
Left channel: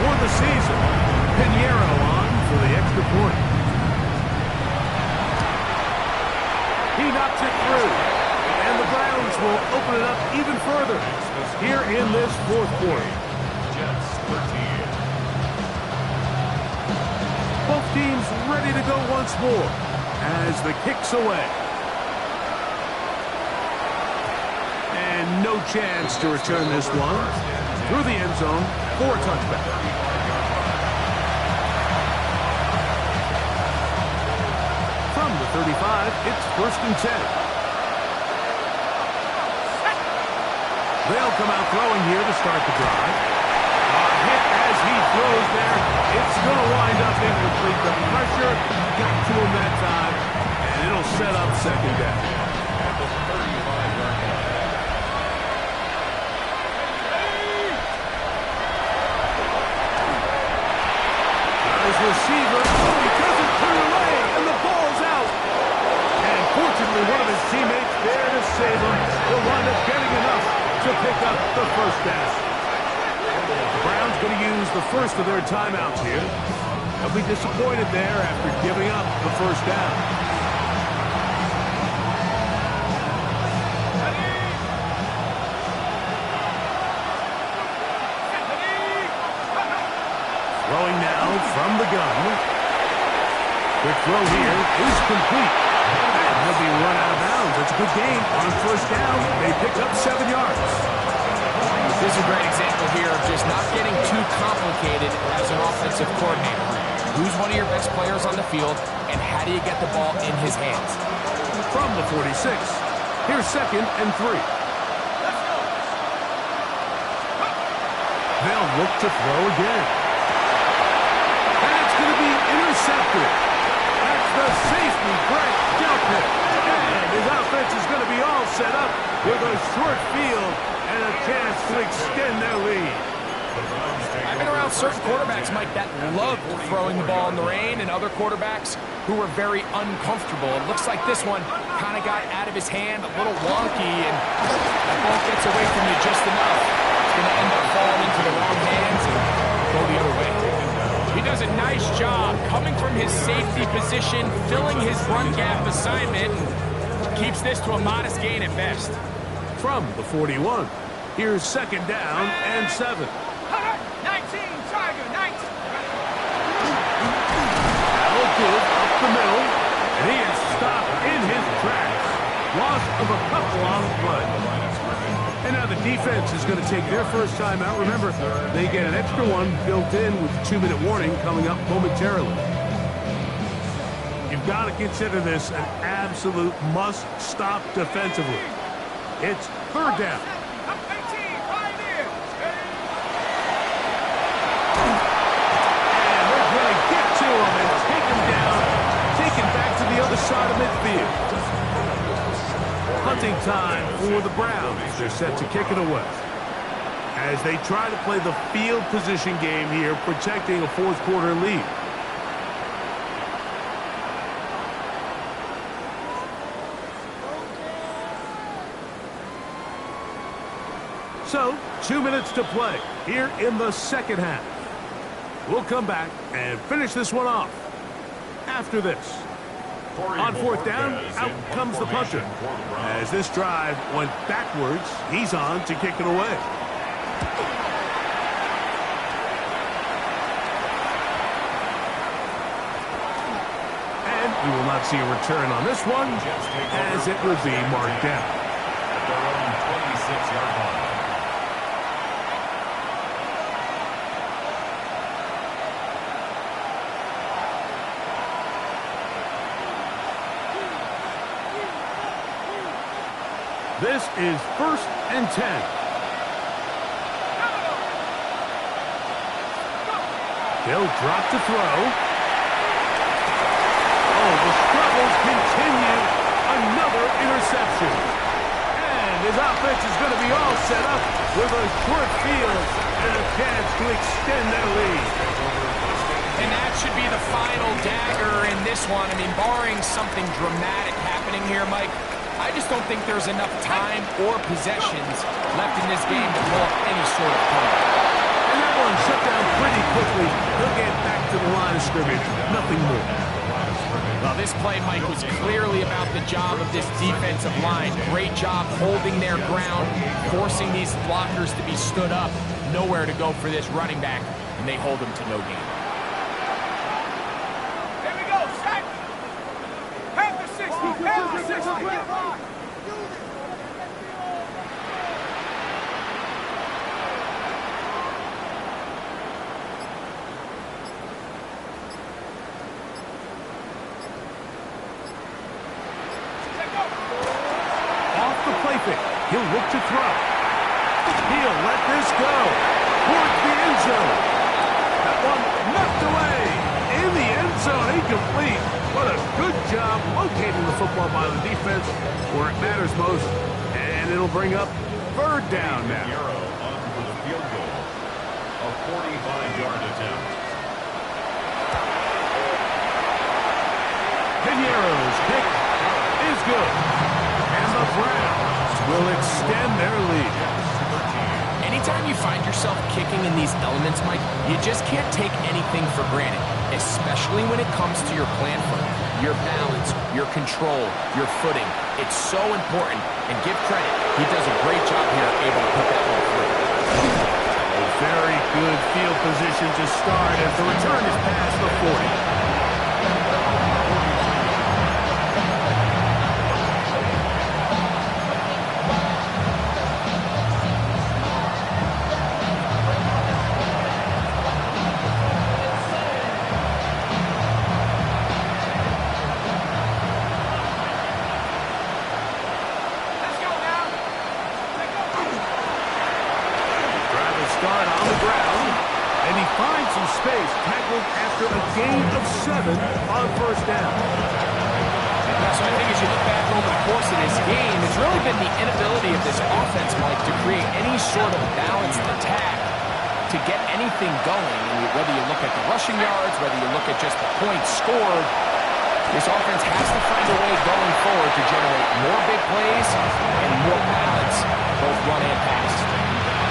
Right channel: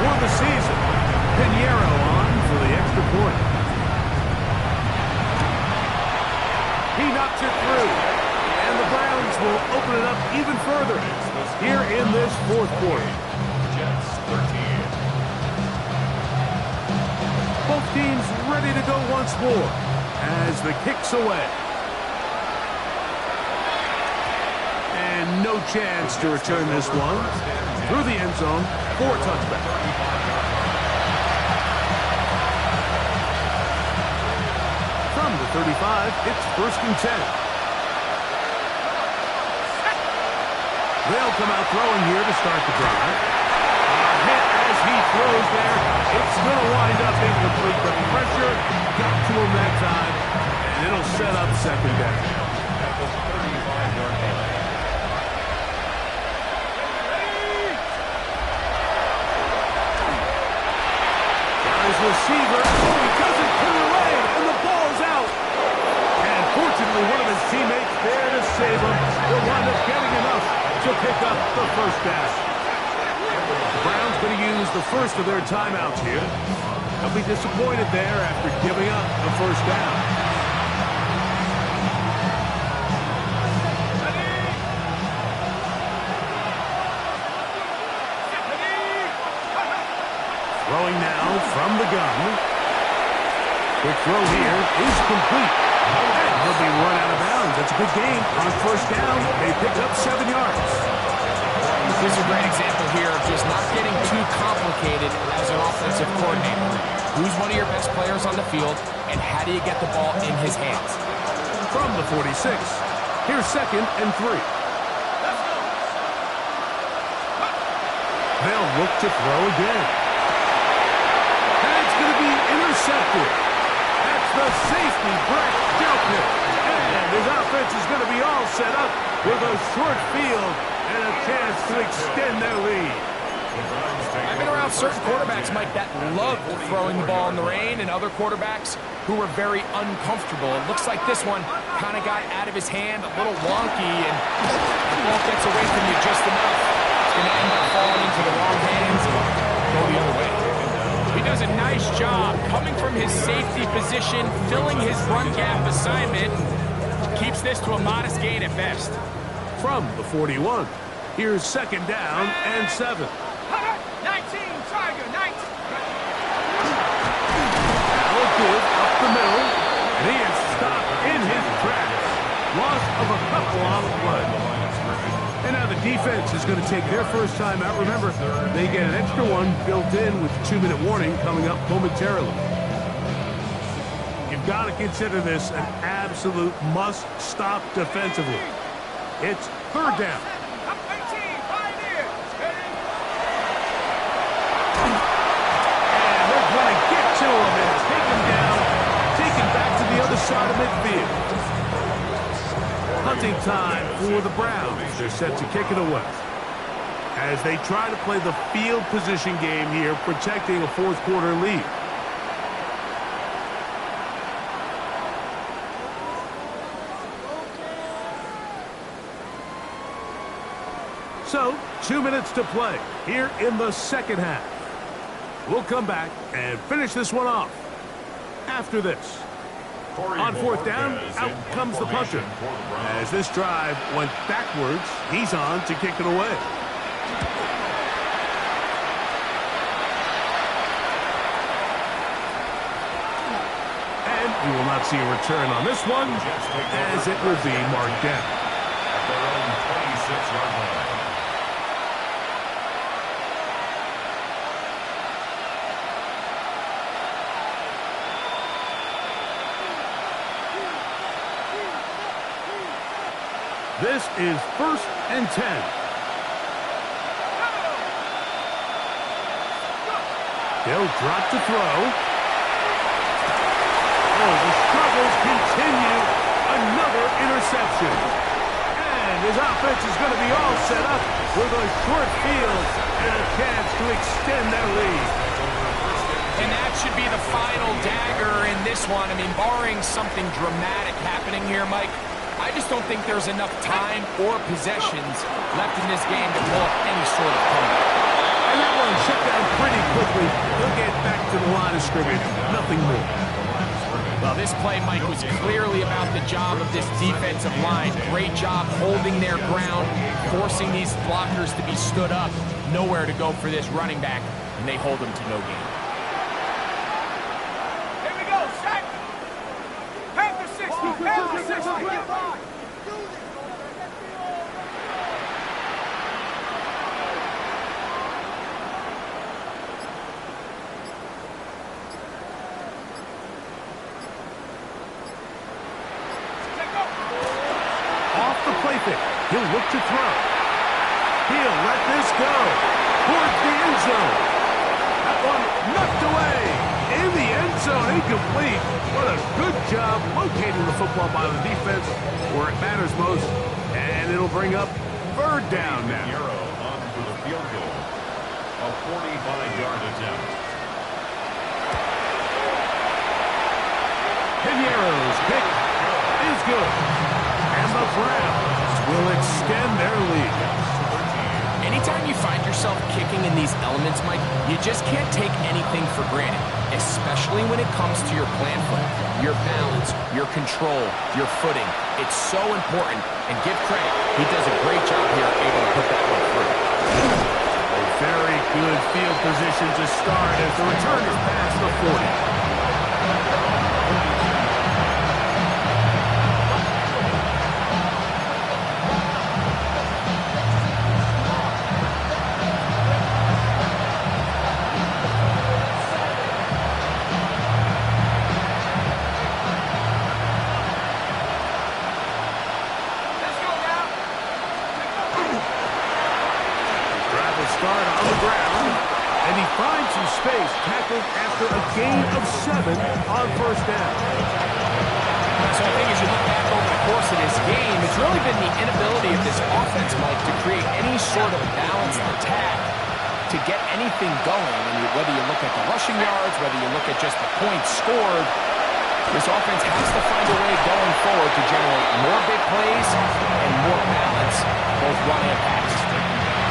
for the season. Pinheiro on for the extra point. He knocks it through. And the Browns will open it up even further here in this 4th quarter. Jets 13. Both teams ready to go once more as the kick's away. And no chance to return this one through the end zone for a touchback. 35-yard line. From the 35, it's 1st and 10. They'll come out throwing here to start the drive. A hit as he throws there. It's going to wind up incomplete. The pressure got to him that time, and it'll set up 2nd down. At the 35-yard line. Got his receiver. Oh, he doesn't put it away, and the ball's out. And fortunately, one of his teammates there to save him. He'll wind up getting enough to pick up the first down. The Browns going to use the first of their timeouts here. They'll be disappointed there after giving up the first down. Throwing now from the gun. Quick throw here is complete. And he'll be run out of bounds. That's a good game. On first down, they pick up 7 yards. This is a great example here of just not getting too complicated as an offensive coordinator. Who's one of your best players on the field, and how do you get the ball in his hands? From the 46, here's 2nd and 3. They'll look to throw again. That's going to be intercepted. That's the safety, Brett Delpit. And his offense is going to be all set up with a short field and a chance to extend their lead. I've been around certain quarterbacks, Mike, that love throwing the ball in the rain, and other quarterbacks who were very uncomfortable. It looks like this one kind of got out of his hand, a little wonky, and that ball gets away from you just enough. It's going to end up falling into the wrong hands and go the other way. He does a nice job coming from his safety position, filling his run gap assignment, and keeps this to a modest gain at best. From the 41, here's 2nd down and 7. 19, Tiger, 19. Now a give up the middle, and he is stopped in his tracks. Loss of a couple on the play. And now the defense is going to take their first time out. Remember, they get an extra one built in with the 2-minute warning coming up momentarily. You've got to consider this an absolute must-stop defensively. It's 3rd down. 18, Pioneer. And they're going to get to him and take him down, take him back to the other side of midfield. Hunting time for the Browns. They're set to kick it away. As they try to play the field position game here, protecting a 4th quarter lead. So, 2 minutes to play here in the 2nd half. We'll come back and finish this one off after this. On 4th down, out comes the punter. As this drive went backwards, he's on to kick it away. And we will not see a return on this one, as it will be marked down. At their own 26-yard line. This is 1st and 10. They'll drop to throw. Oh, the struggles continue. Another interception. And his offense is going to be all set up with a short field and a chance to extend their lead. And that should be the final dagger in this one. I mean, barring something dramatic happening here, Mike, I just don't think there's enough time or possessions left in this game to pull up any sort of comeback. And that one shut down pretty quickly. They'll get back to the line of scrimmage. Nothing more. Well, this play, Mike, was clearly about the job of this defensive line. Great job holding their ground, forcing these blockers to be stood up. Nowhere to go for this running back, and they hold him to no gain. Here we go, set. Panther 60, Panther 60. Off the play fake. He'll look to throw. He'll let this go towards the end zone. That one knocked away in the end zone, incomplete. What a good job locating the football by the defense where it matters most. And it'll bring up 3rd down now. Pinheiro on for the field goal. A 45-yard attempt. Pinheiro's kick is good. And the Browns will extend their lead. Anytime you find yourself kicking in these elements, Mike, you just can't take anything for granted, especially when it comes to your plant foot, your balance, your control, your footing. It's so important, and give credit. He does a great job here able to put that one through. Very good field position to start as the return is past the 40. Start on the ground, and he finds some space, tackled after a gain of 7 on first down. So I think as you look back over the course of this game, it's really been the inability of this offense, Mike, to create any sort of balanced attack to get anything going. And whether you look at the rushing yards, whether you look at just the points scored, this offense has to find a way going forward to generate more big plays and more balance, both run and pass.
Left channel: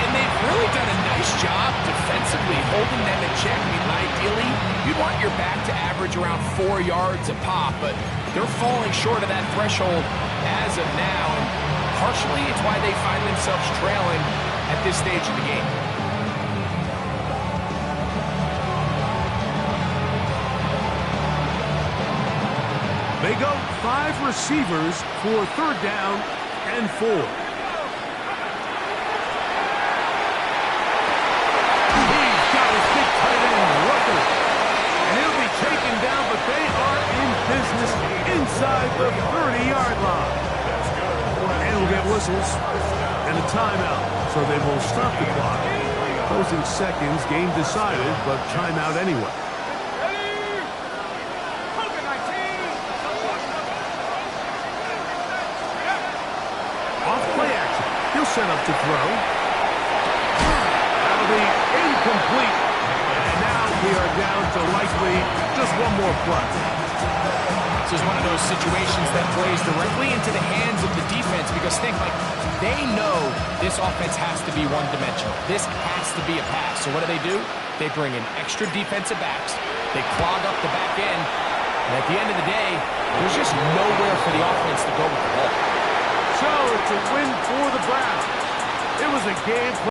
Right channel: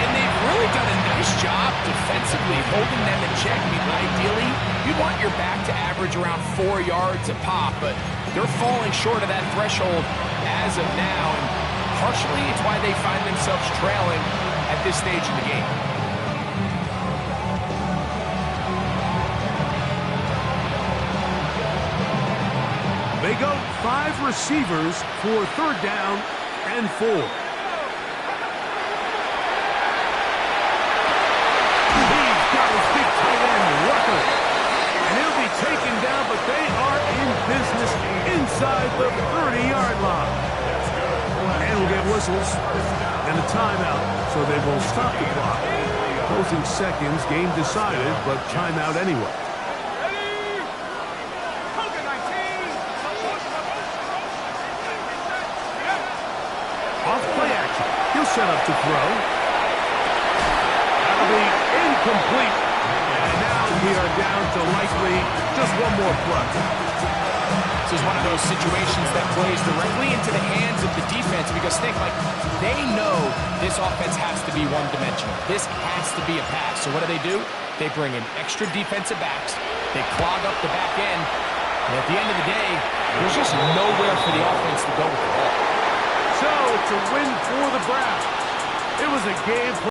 And they've really done a nice job defensively holding them in check. I mean, ideally, you'd want your back to average around 4 yards a pop, but they're falling short of that threshold as of now, and partially it's why they find themselves trailing at this stage of the game. They go 5 receivers for third down and 4. Big tight end, Rucker. And he'll be taken down, but they are in business inside the 30-yard line. And we'll get whistles and a timeout, so they will stop the clock. Closing seconds, game decided, but timeout anyway. Off play action. He'll set up to throw. That'll be incomplete. And now we are down to likely just one more play. This is one of those situations that plays directly into the hands of the defense because think, like, they know this offense has to be one-dimensional. This has to be a pass. So what do? They bring in extra defensive backs. They clog up the back end. And at the end of the day, there's just nowhere for the offense to go with the ball. So it's a win for the Browns. It was a game